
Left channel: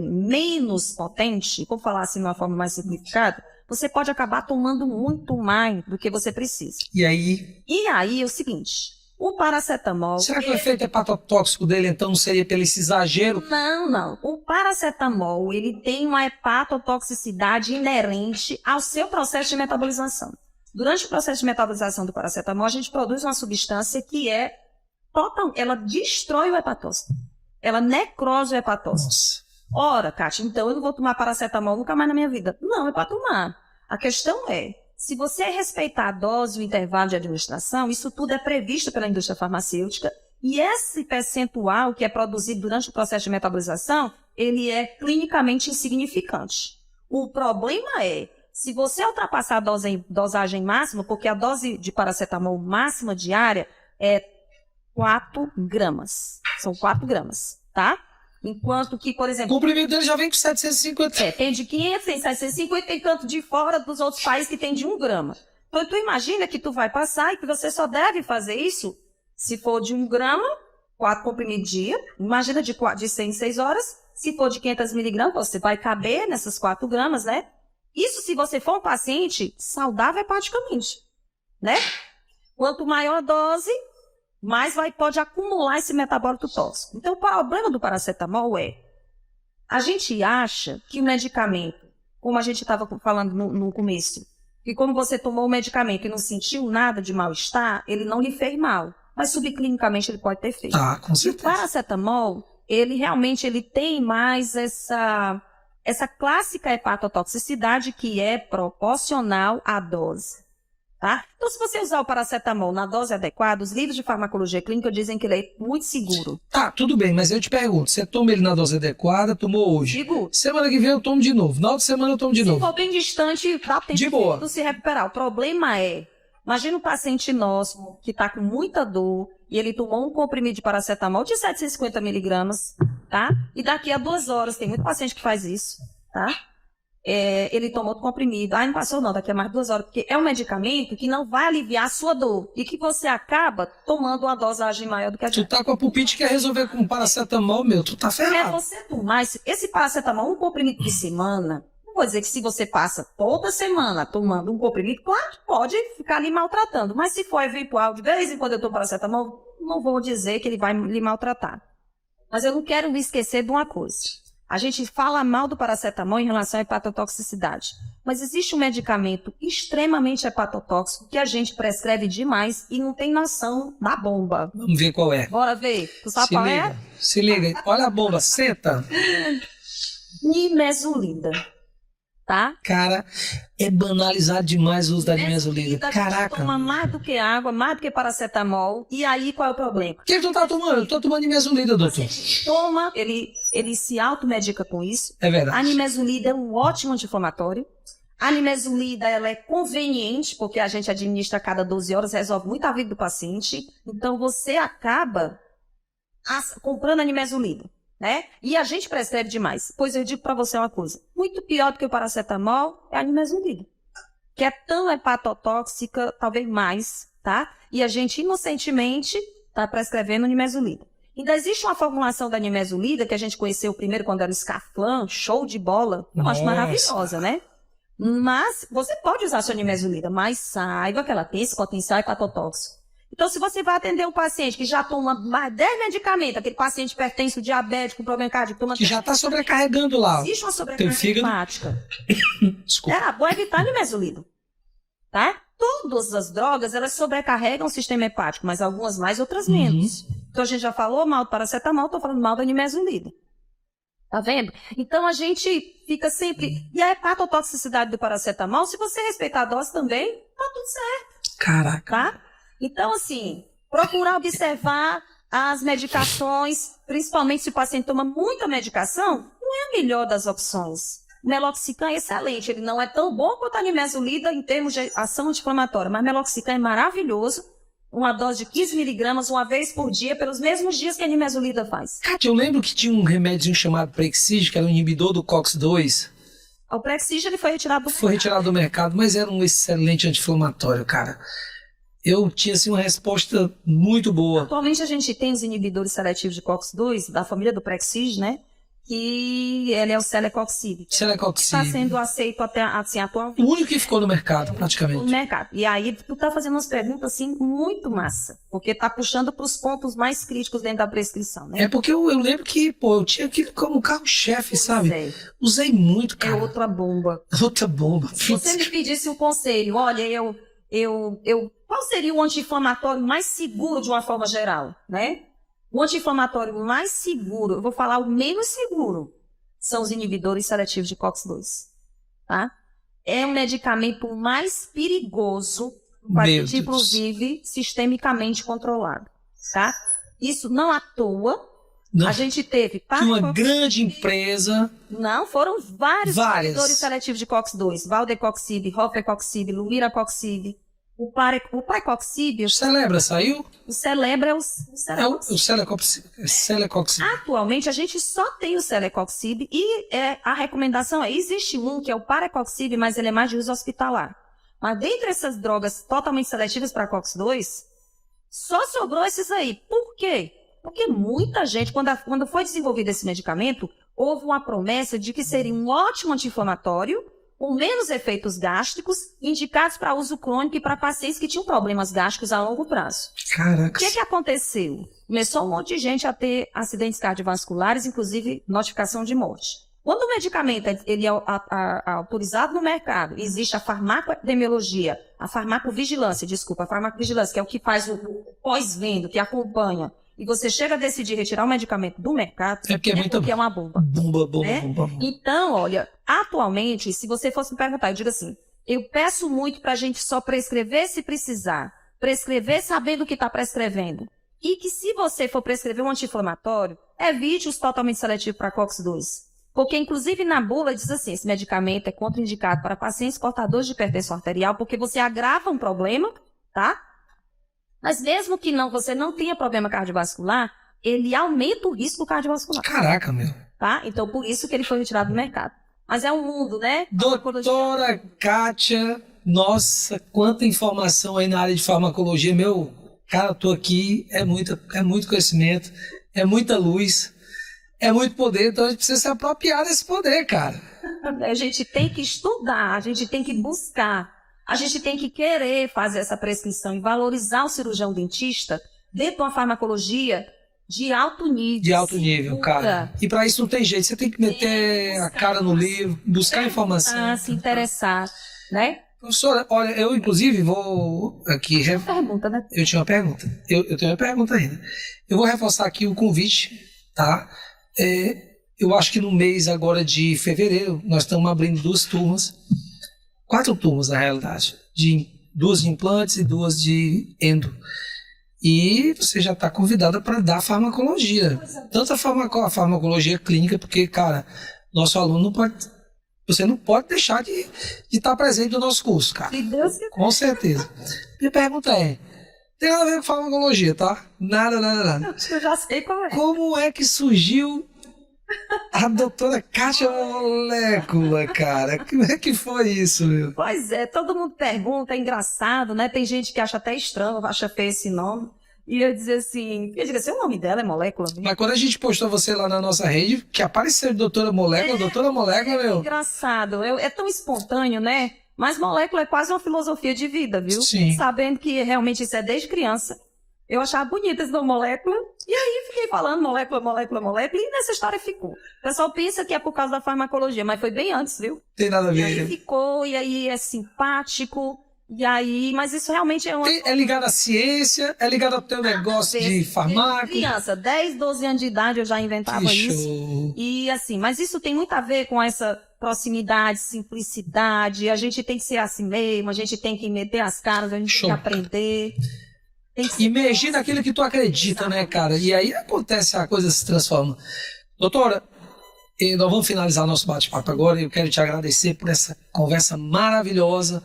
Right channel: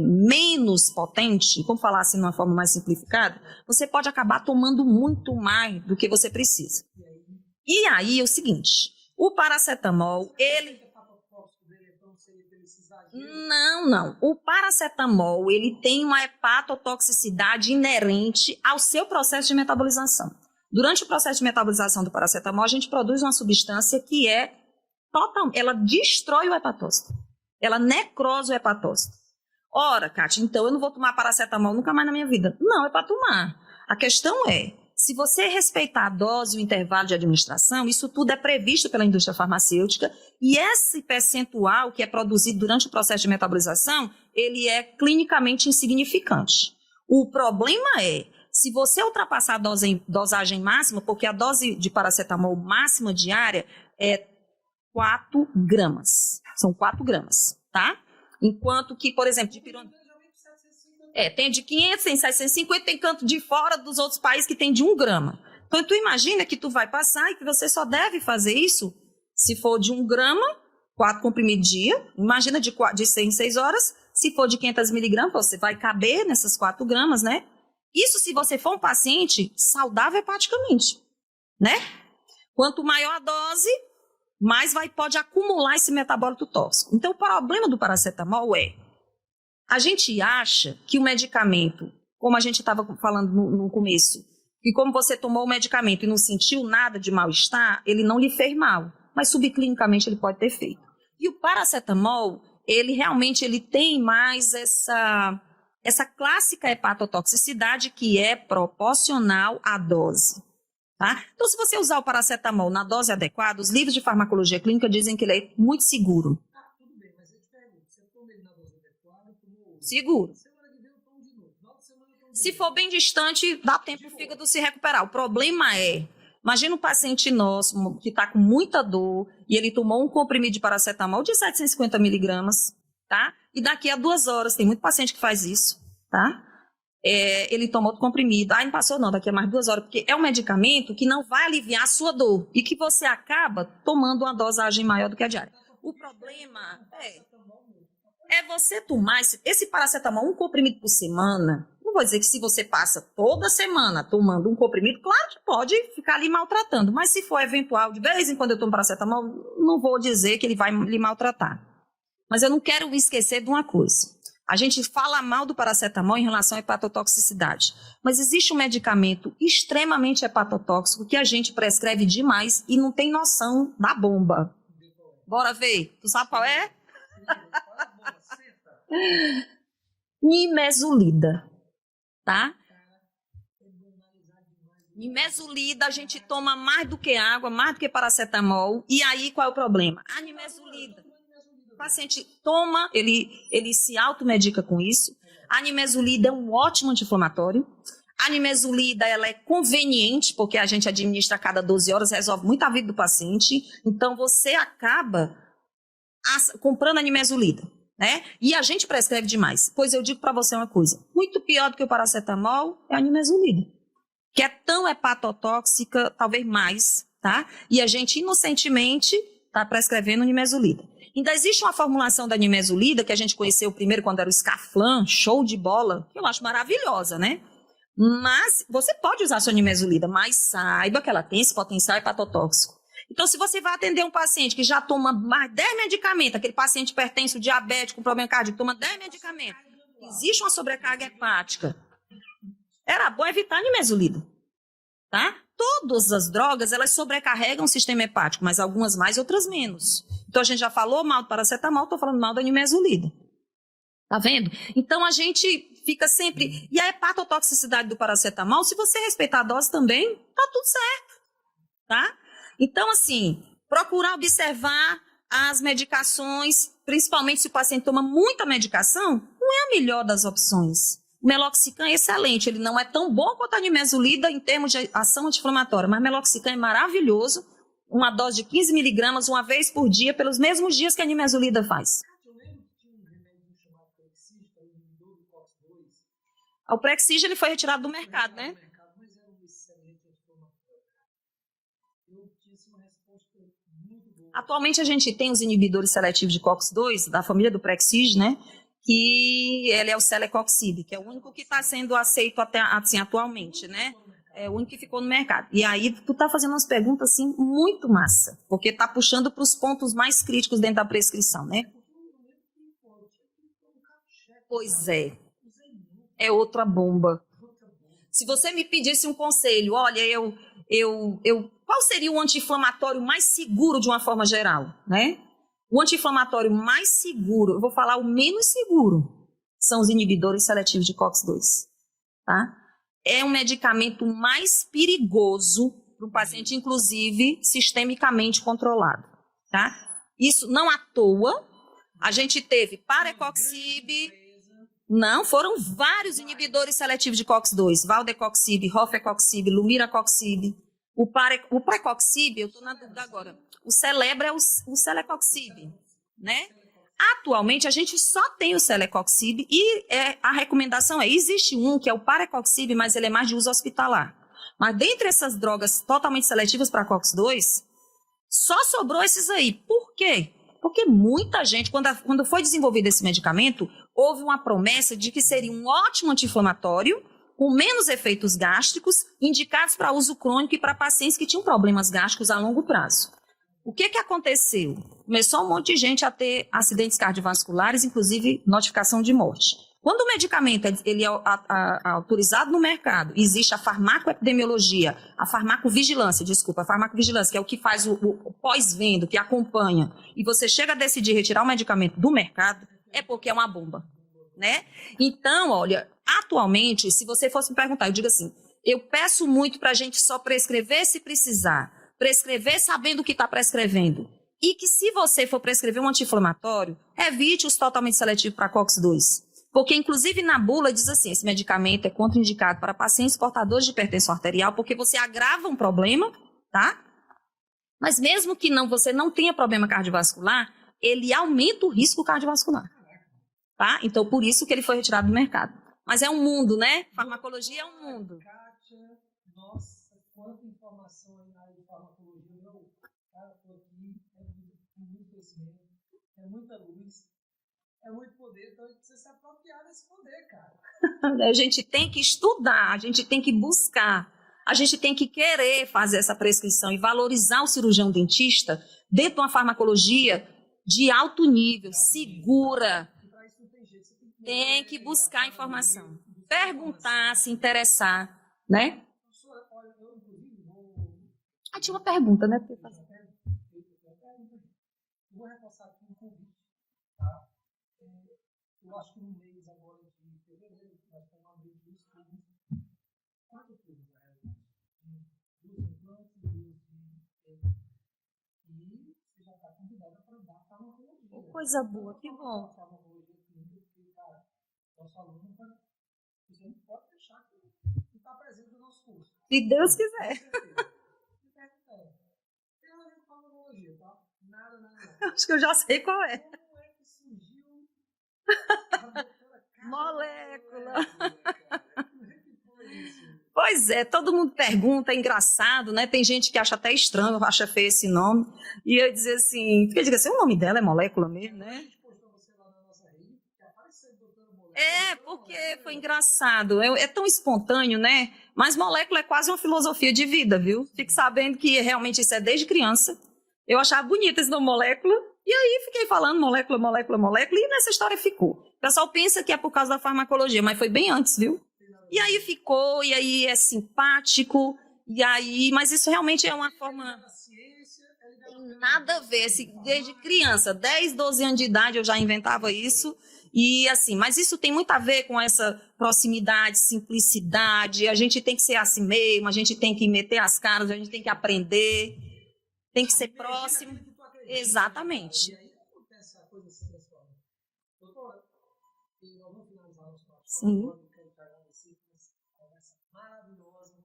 menos potente, vou falar assim de uma forma mais simplificada, você pode acabar tomando muito mais do que você precisa. E aí É o seguinte, o paracetamol... Será que o efeito hepatotóxico dele, então, não seria pelo esse exagero? Não. O paracetamol, ele tem uma hepatotoxicidade inerente ao seu processo de metabolização. Durante o processo de metabolização do paracetamol, a gente produz uma substância que ela destrói o hepatócito. Ela necrosa o hepatócito. Nossa. Ora, Kátia, então eu não vou tomar paracetamol nunca mais na minha vida. Não, é para tomar. A questão é, se você respeitar a dose e o intervalo de administração, isso tudo é previsto pela indústria farmacêutica e esse percentual que é produzido durante o processo de metabolização, ele é clinicamente insignificante. O problema é, se você ultrapassar a dosagem máxima, porque a dose de paracetamol máxima diária é 4 gramas. São 4 gramas, tá? Enquanto que, por exemplo... O comprimido dele já vem com 750. Tem de 500, tem 750, tem canto de fora dos outros países que tem de 1 grama. Então, tu imagina que tu vai passar e que você só deve fazer isso se for de 1 grama, 4 comprimidos dia. Imagina de 100 em 6 horas. Se for de 500 miligramas, você vai caber nessas 4 gramas, né? Isso se você for um paciente saudável hepaticamente, né? Quanto maior a dose, mais pode acumular esse metabólito tóxico. Então, o problema do paracetamol a gente acha que o medicamento, como a gente estava falando no começo, que como você tomou o medicamento e não sentiu nada de mal-estar, ele não lhe fez mal. Mas subclinicamente ele pode ter feito. Com certeza. E o paracetamol, ele realmente tem mais essa clássica hepatotoxicidade que é proporcional à dose. Tá? Então, se você usar o paracetamol na dose adequada, os livros de farmacologia clínica dizem que ele é muito seguro. Tá, tudo bem, mas eu te pergunto, você toma ele na dose adequada, tomou hoje? Seguro. Semana que vem eu tomo de novo, na outra semana eu tomo de novo. Se for bem distante, dá tempo De boa. de se recuperar. O problema imagina um paciente nosso que está com muita dor e ele tomou um comprimido de paracetamol de 750 miligramas, tá? E daqui a 2 horas, tem muito paciente que faz isso, tá? Ele tomou o comprimido, não passou não, daqui a mais 2 horas, porque é um medicamento que não vai aliviar a sua dor e que você acaba tomando uma dosagem maior do que a gente. Tu tá com a pulpite que quer resolver com paracetamol, meu, tu tá ferrado. Você tomar esse paracetamol, um comprimido por semana, não vou dizer que se você passa toda semana tomando um comprimido, claro que pode ficar lhe maltratando, mas se for eventual, de vez em quando eu tomo paracetamol, não vou dizer que ele vai lhe maltratar. Mas eu não quero me esquecer de uma coisa. A gente fala mal do paracetamol em relação à hepatotoxicidade, mas existe um medicamento extremamente hepatotóxico que a gente prescreve demais e não tem noção da bomba. Vamos ver qual é. Bora ver. Tu sabe qual é? Se liga, olha a bomba, senta. Nimesulida, tá? Cara, é banalizado demais o uso da nimesulida. A gente toma mais do que água, mais do que paracetamol. E aí, qual é o problema? O que tu tá tomando? Eu tô tomando nimesulida, doutor. A gente toma, ele se automedica com isso. É verdade. A nimesulida é um ótimo anti-inflamatório. A nimesulida, ela é conveniente, porque a gente administra a cada 12 horas, resolve muito a vida do paciente. Então, você acaba comprando a nimesulida. Né? E a gente prescreve demais. Pois eu digo para você uma coisa, muito pior do que o paracetamol é a nimesulida, que é tão hepatotóxica, talvez mais, tá? E a gente inocentemente está prescrevendo nimesulida. Ainda existe uma formulação da nimesulida que a gente conheceu primeiro quando era o Scaflan, show de bola, eu acho maravilhosa, né? Mas você pode usar a sua nimesulida, mas saiba que ela tem esse potencial hepatotóxico. Então, se você vai atender um paciente que já toma mais 10 medicamentos, aquele paciente hipertenso, diabético, com problema cardíaco, toma que já está sobrecarregando lá. Existe uma sobrecarga hepática. Desculpa. Era bom evitar a nimesulida. Tá? Todas as drogas, elas sobrecarregam o sistema hepático, mas algumas mais, outras menos. Então, a gente já falou mal do paracetamol, estou falando mal da nimesulida. Tá vendo? Então, a gente fica sempre... E a hepatotoxicidade do paracetamol, se você respeitar a dose também, tá tudo certo. Caraca. Tá? Então, assim, procurar observar as medicações, principalmente se o paciente toma muita medicação, não é a melhor das opções. O meloxicam é excelente, ele não é tão bom quanto a nimesulida em termos de ação anti-inflamatória, mas meloxicam é maravilhoso, uma dose de 15 miligramas uma vez por dia, pelos mesmos dias que a nimesulida faz. Kátia, eu lembro que tinha um remédio chamado Prexig, que era um inibidor do COX-2. O Prexig ele foi retirado do mercado. Foi retirado do mercado, mas era um excelente anti-inflamatório, cara. Eu tinha assim, uma resposta muito boa. Atualmente a gente tem os inibidores seletivos de COX-2, da família do Prexig, né? Que ele é o Celecoxib. Que está sendo aceito até assim, atualmente. O único que ficou no mercado, praticamente. Ficou no mercado. E aí tu tá fazendo umas perguntas assim muito massa, porque tá puxando para os pontos mais críticos dentro da prescrição, né? É porque eu lembro que, eu tinha aquilo como carro-chefe, sabe? É. Usei muito, cara. É outra bomba. Outra bomba. Se você me pedisse um conselho, olha, qual seria o anti-inflamatório mais seguro de uma forma geral, né? O anti-inflamatório mais seguro, eu vou falar o menos seguro, são os inibidores seletivos de COX-2, tá? É um medicamento mais perigoso para o paciente, inclusive, sistemicamente controlado, tá? Isso não à toa. Não. A gente teve uma grande empresa. Não, foram vários inibidores seletivos de COX-2. Valdecoxib, Rofecoxib, Lumiracoxib. O Plecoxib... O Celebra saiu? O Celebra é o Celecoxib. O Celecoxib. Né? Celecoxib. Atualmente, a gente só tem o Celecoxib e a recomendação existe um que é o Parecoxib, mas ele é mais de uso hospitalar. Mas dentre essas drogas totalmente seletivas para COX-2, só sobrou esses aí. Por quê? Porque muita gente, quando foi desenvolvido esse medicamento, houve uma promessa de que seria um ótimo anti-inflamatório com menos efeitos gástricos, indicados para uso crônico e para pacientes que tinham problemas gástricos a longo prazo. Caraca. O que aconteceu? Começou um monte de gente a ter acidentes cardiovasculares, inclusive notificação de morte. Quando o medicamento ele é autorizado no mercado, existe a farmacoepidemiologia, a farmacovigilância, que é o que faz o pós-venda, que acompanha, e você chega a decidir retirar o medicamento do mercado, porque é uma bomba. Bomba. Então, olha, atualmente, se você fosse me perguntar, eu digo assim, eu peço muito para a gente só prescrever se precisar, prescrever sabendo o que está prescrevendo, e que se você for prescrever um anti-inflamatório, evite os totalmente seletivos para COX-2. Porque, inclusive, na bula diz assim, esse medicamento é contraindicado para pacientes portadores de hipertensão arterial, porque você agrava um problema, tá? Mas mesmo que você não tenha problema cardiovascular, ele aumenta o risco cardiovascular. Caraca, meu. Tá? Então, por isso que ele foi retirado do mercado. Mas é um mundo, né? Doutora Kátia, nossa, quanta informação aí na área de farmacologia. Meu, cara, eu tô aqui, é muito conhecimento, é muita luz. É muito poder, então a gente precisa se apropriar desse poder, cara. A gente tem que estudar, a gente tem que buscar, a gente tem que querer fazer essa prescrição e valorizar o cirurgião dentista dentro de uma farmacologia de alto nível. De alto nível, cara. E para isso não tem jeito, você tem que meter a cara no livro, buscar informação. Se interessar, né? Professora, olha, eu inclusive vou aqui... Tinha uma pergunta, né? Eu tinha uma pergunta. Eu tenho uma pergunta ainda. Eu vou reforçar aqui o convite, tá? Eu acho que no mês agora de fevereiro nós estamos abrindo 4 turmas na realidade, 2 de implantes e 2 de endo. E você já está convidada para dar farmacologia, tanto a farmacologia clínica, porque, cara, nosso aluno você não pode deixar de estar presente no nosso curso, cara. Se Deus quiser. Com certeza. Minha pergunta tem nada a ver com farmacologia, tá? Nada. Acho que eu já sei qual é. Como é que surgiu a doutora Kátia Molécula, cara? Como é que foi isso, meu? Pois é, todo mundo pergunta, é engraçado, né? Tem gente que acha até estranho, acha feio esse nome. E eu dizia assim, o nome dela é Molécula mesmo? Mas quando a gente postou você lá na nossa rede, que apareceu doutora Molécula, meu. É engraçado, é tão espontâneo, né? Mas molécula é quase uma filosofia de vida, viu? Sim. Sabendo que realmente isso é desde criança. Eu achava bonito esse nome molécula, e aí fiquei falando molécula, e nessa história ficou. O pessoal pensa que é por causa da farmacologia, mas foi bem antes, viu? Tem nada a ver. E aí ficou, e aí é simpático, e aí... Mas isso realmente é uma... É ligado à ciência, é ligado ao teu negócio de farmácia. Desde criança, 10, 12 anos de idade eu já inventava isso. E assim, mas isso tem muito a ver com essa proximidade, simplicidade, a gente tem que ser assim mesmo, a gente tem que meter as caras, a gente tem que aprender... Imergir naquilo que tu acredita, exatamente, né, cara? E aí acontece, a coisa se transforma. Doutora, nós vamos finalizar nosso bate-papo agora. Eu quero te agradecer por essa conversa maravilhosa,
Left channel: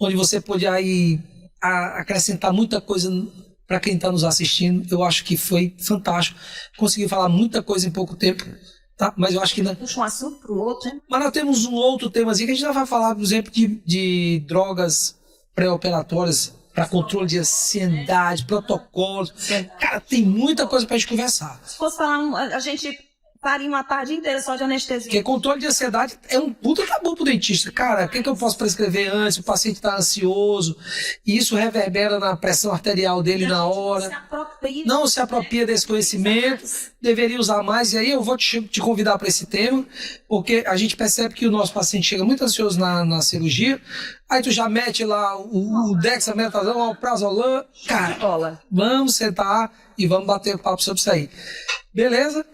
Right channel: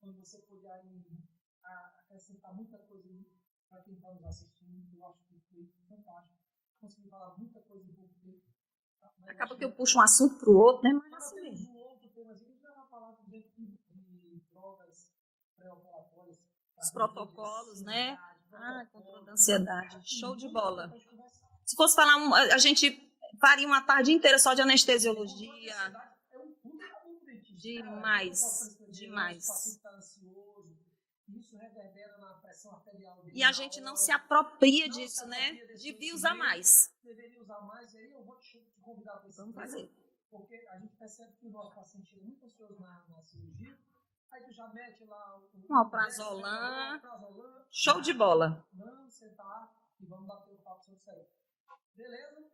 onde você pôde aí acrescentar muita coisa para quem está nos assistindo. Eu acho que foi fantástico. Consegui falar muita coisa em pouco tempo, tá? Mas eu acho que... Puxa um assunto pro outro, né? Mas nós temos um outro temazinho que a gente já vai falar, por exemplo, de drogas pré-operatórias para controle de ansiedade, protocolos. Cara, tem muita coisa para a gente conversar. Se fosse falar, a gente faria uma tarde inteira só de anestesia. Porque controle de ansiedade é um puta tabu pro dentista. Cara, o que eu posso prescrever antes? O paciente está ansioso, e isso reverbera na pressão arterial dele na hora. Não se apropria desse conhecimento, deveria usar mais. E aí eu vou te convidar para esse tema, porque a gente percebe que o nosso paciente chega muito ansioso na cirurgia. Aí tu já mete lá o dexametasona, o prazolam. Show de bola. Vamos sentar e vamos bater papo sobre isso aí. Beleza?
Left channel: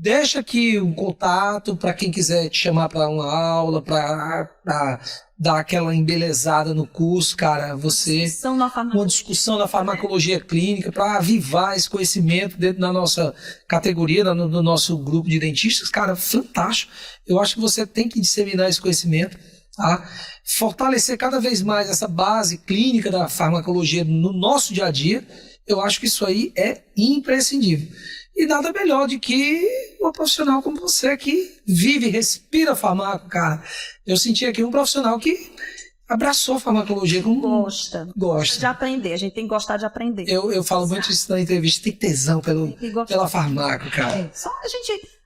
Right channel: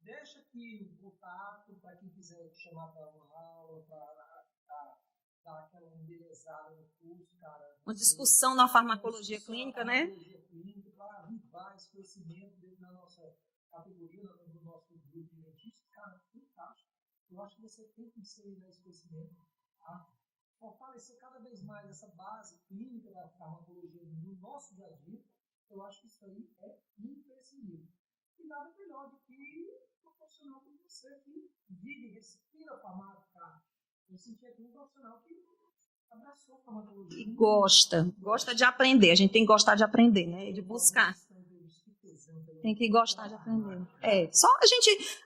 Deixa aqui um contato para quem quiser te chamar para uma aula, para dar aquela embelezada no curso, cara. Uma discussão da farmacologia clínica, para avivar esse conhecimento dentro da nossa categoria, do nosso grupo de dentistas. Cara, fantástico. Eu acho que você tem que disseminar esse conhecimento, tá? Fortalecer cada vez mais essa base clínica da farmacologia no nosso dia a dia. Eu acho que isso aí é imprescindível. E nada melhor do que uma profissional como você que vive, respira farmácia, cara. Eu senti aqui um profissional que abraçou a farmacologia como... Gosta de aprender, a gente tem que gostar de aprender. Eu falo muito isso na entrevista, tem tesão pela farmácia, cara.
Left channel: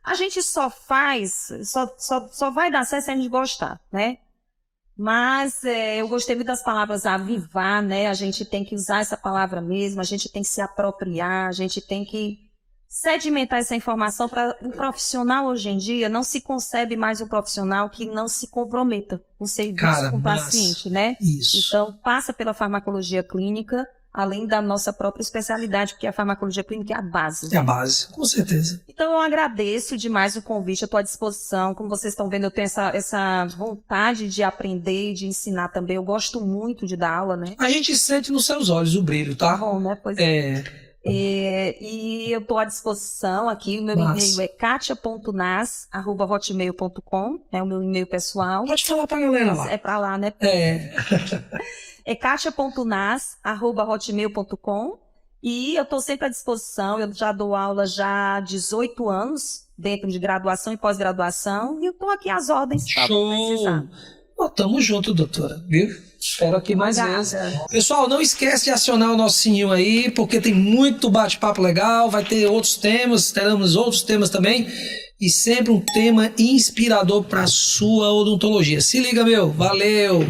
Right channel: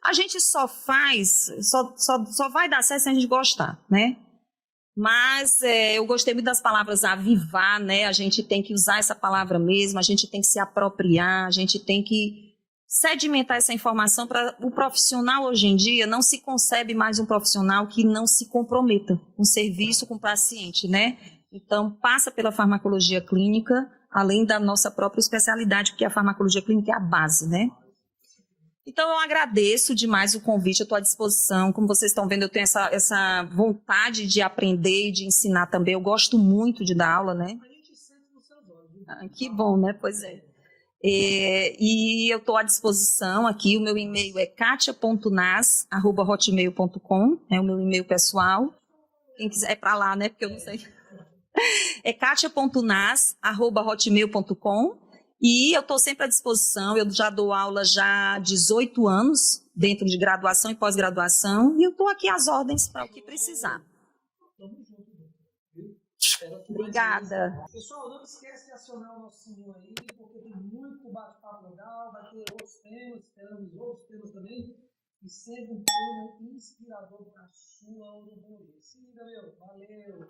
A gente só faz, só vai dar certo se a gente gostar, né? Mas eu gostei muito das palavras avivar, né? A gente tem que usar essa palavra mesmo, a gente tem que se apropriar, a gente tem que sedimentar essa informação para o profissional hoje em dia. Não se concebe mais um profissional que não se comprometa com o serviço, com o paciente, né? Isso. Então, passa pela farmacologia clínica, além da nossa própria especialidade, porque a farmacologia clínica é a base, né? É a base, com certeza. Então, eu agradeço demais o convite, eu estou à disposição. Como vocês estão vendo, eu tenho essa vontade de aprender e de ensinar também. Eu gosto muito de dar aula, né? A gente sente nos seus olhos o brilho, tá? Que bom, né? Pois é. E eu estou à disposição aqui. O meu e-mail é katia.nas@hotmail.com, é o meu e-mail pessoal. Pode falar pra galera lá. É para lá, né? É katia.nas@hotmail.com. E eu estou sempre à disposição. Eu já dou aula já há 18 anos, dentro de graduação e pós-graduação. E eu estou aqui às ordens para precisar. Tamo junto, doutora, viu? Espero aqui mais vezes. Pessoal, não esquece de acionar o nosso sininho aí, porque tem muito bate-papo legal, vai ter outros temas, teremos outros temas também, e sempre um tema inspirador para a sua odontologia. Se liga, meu. Valeu!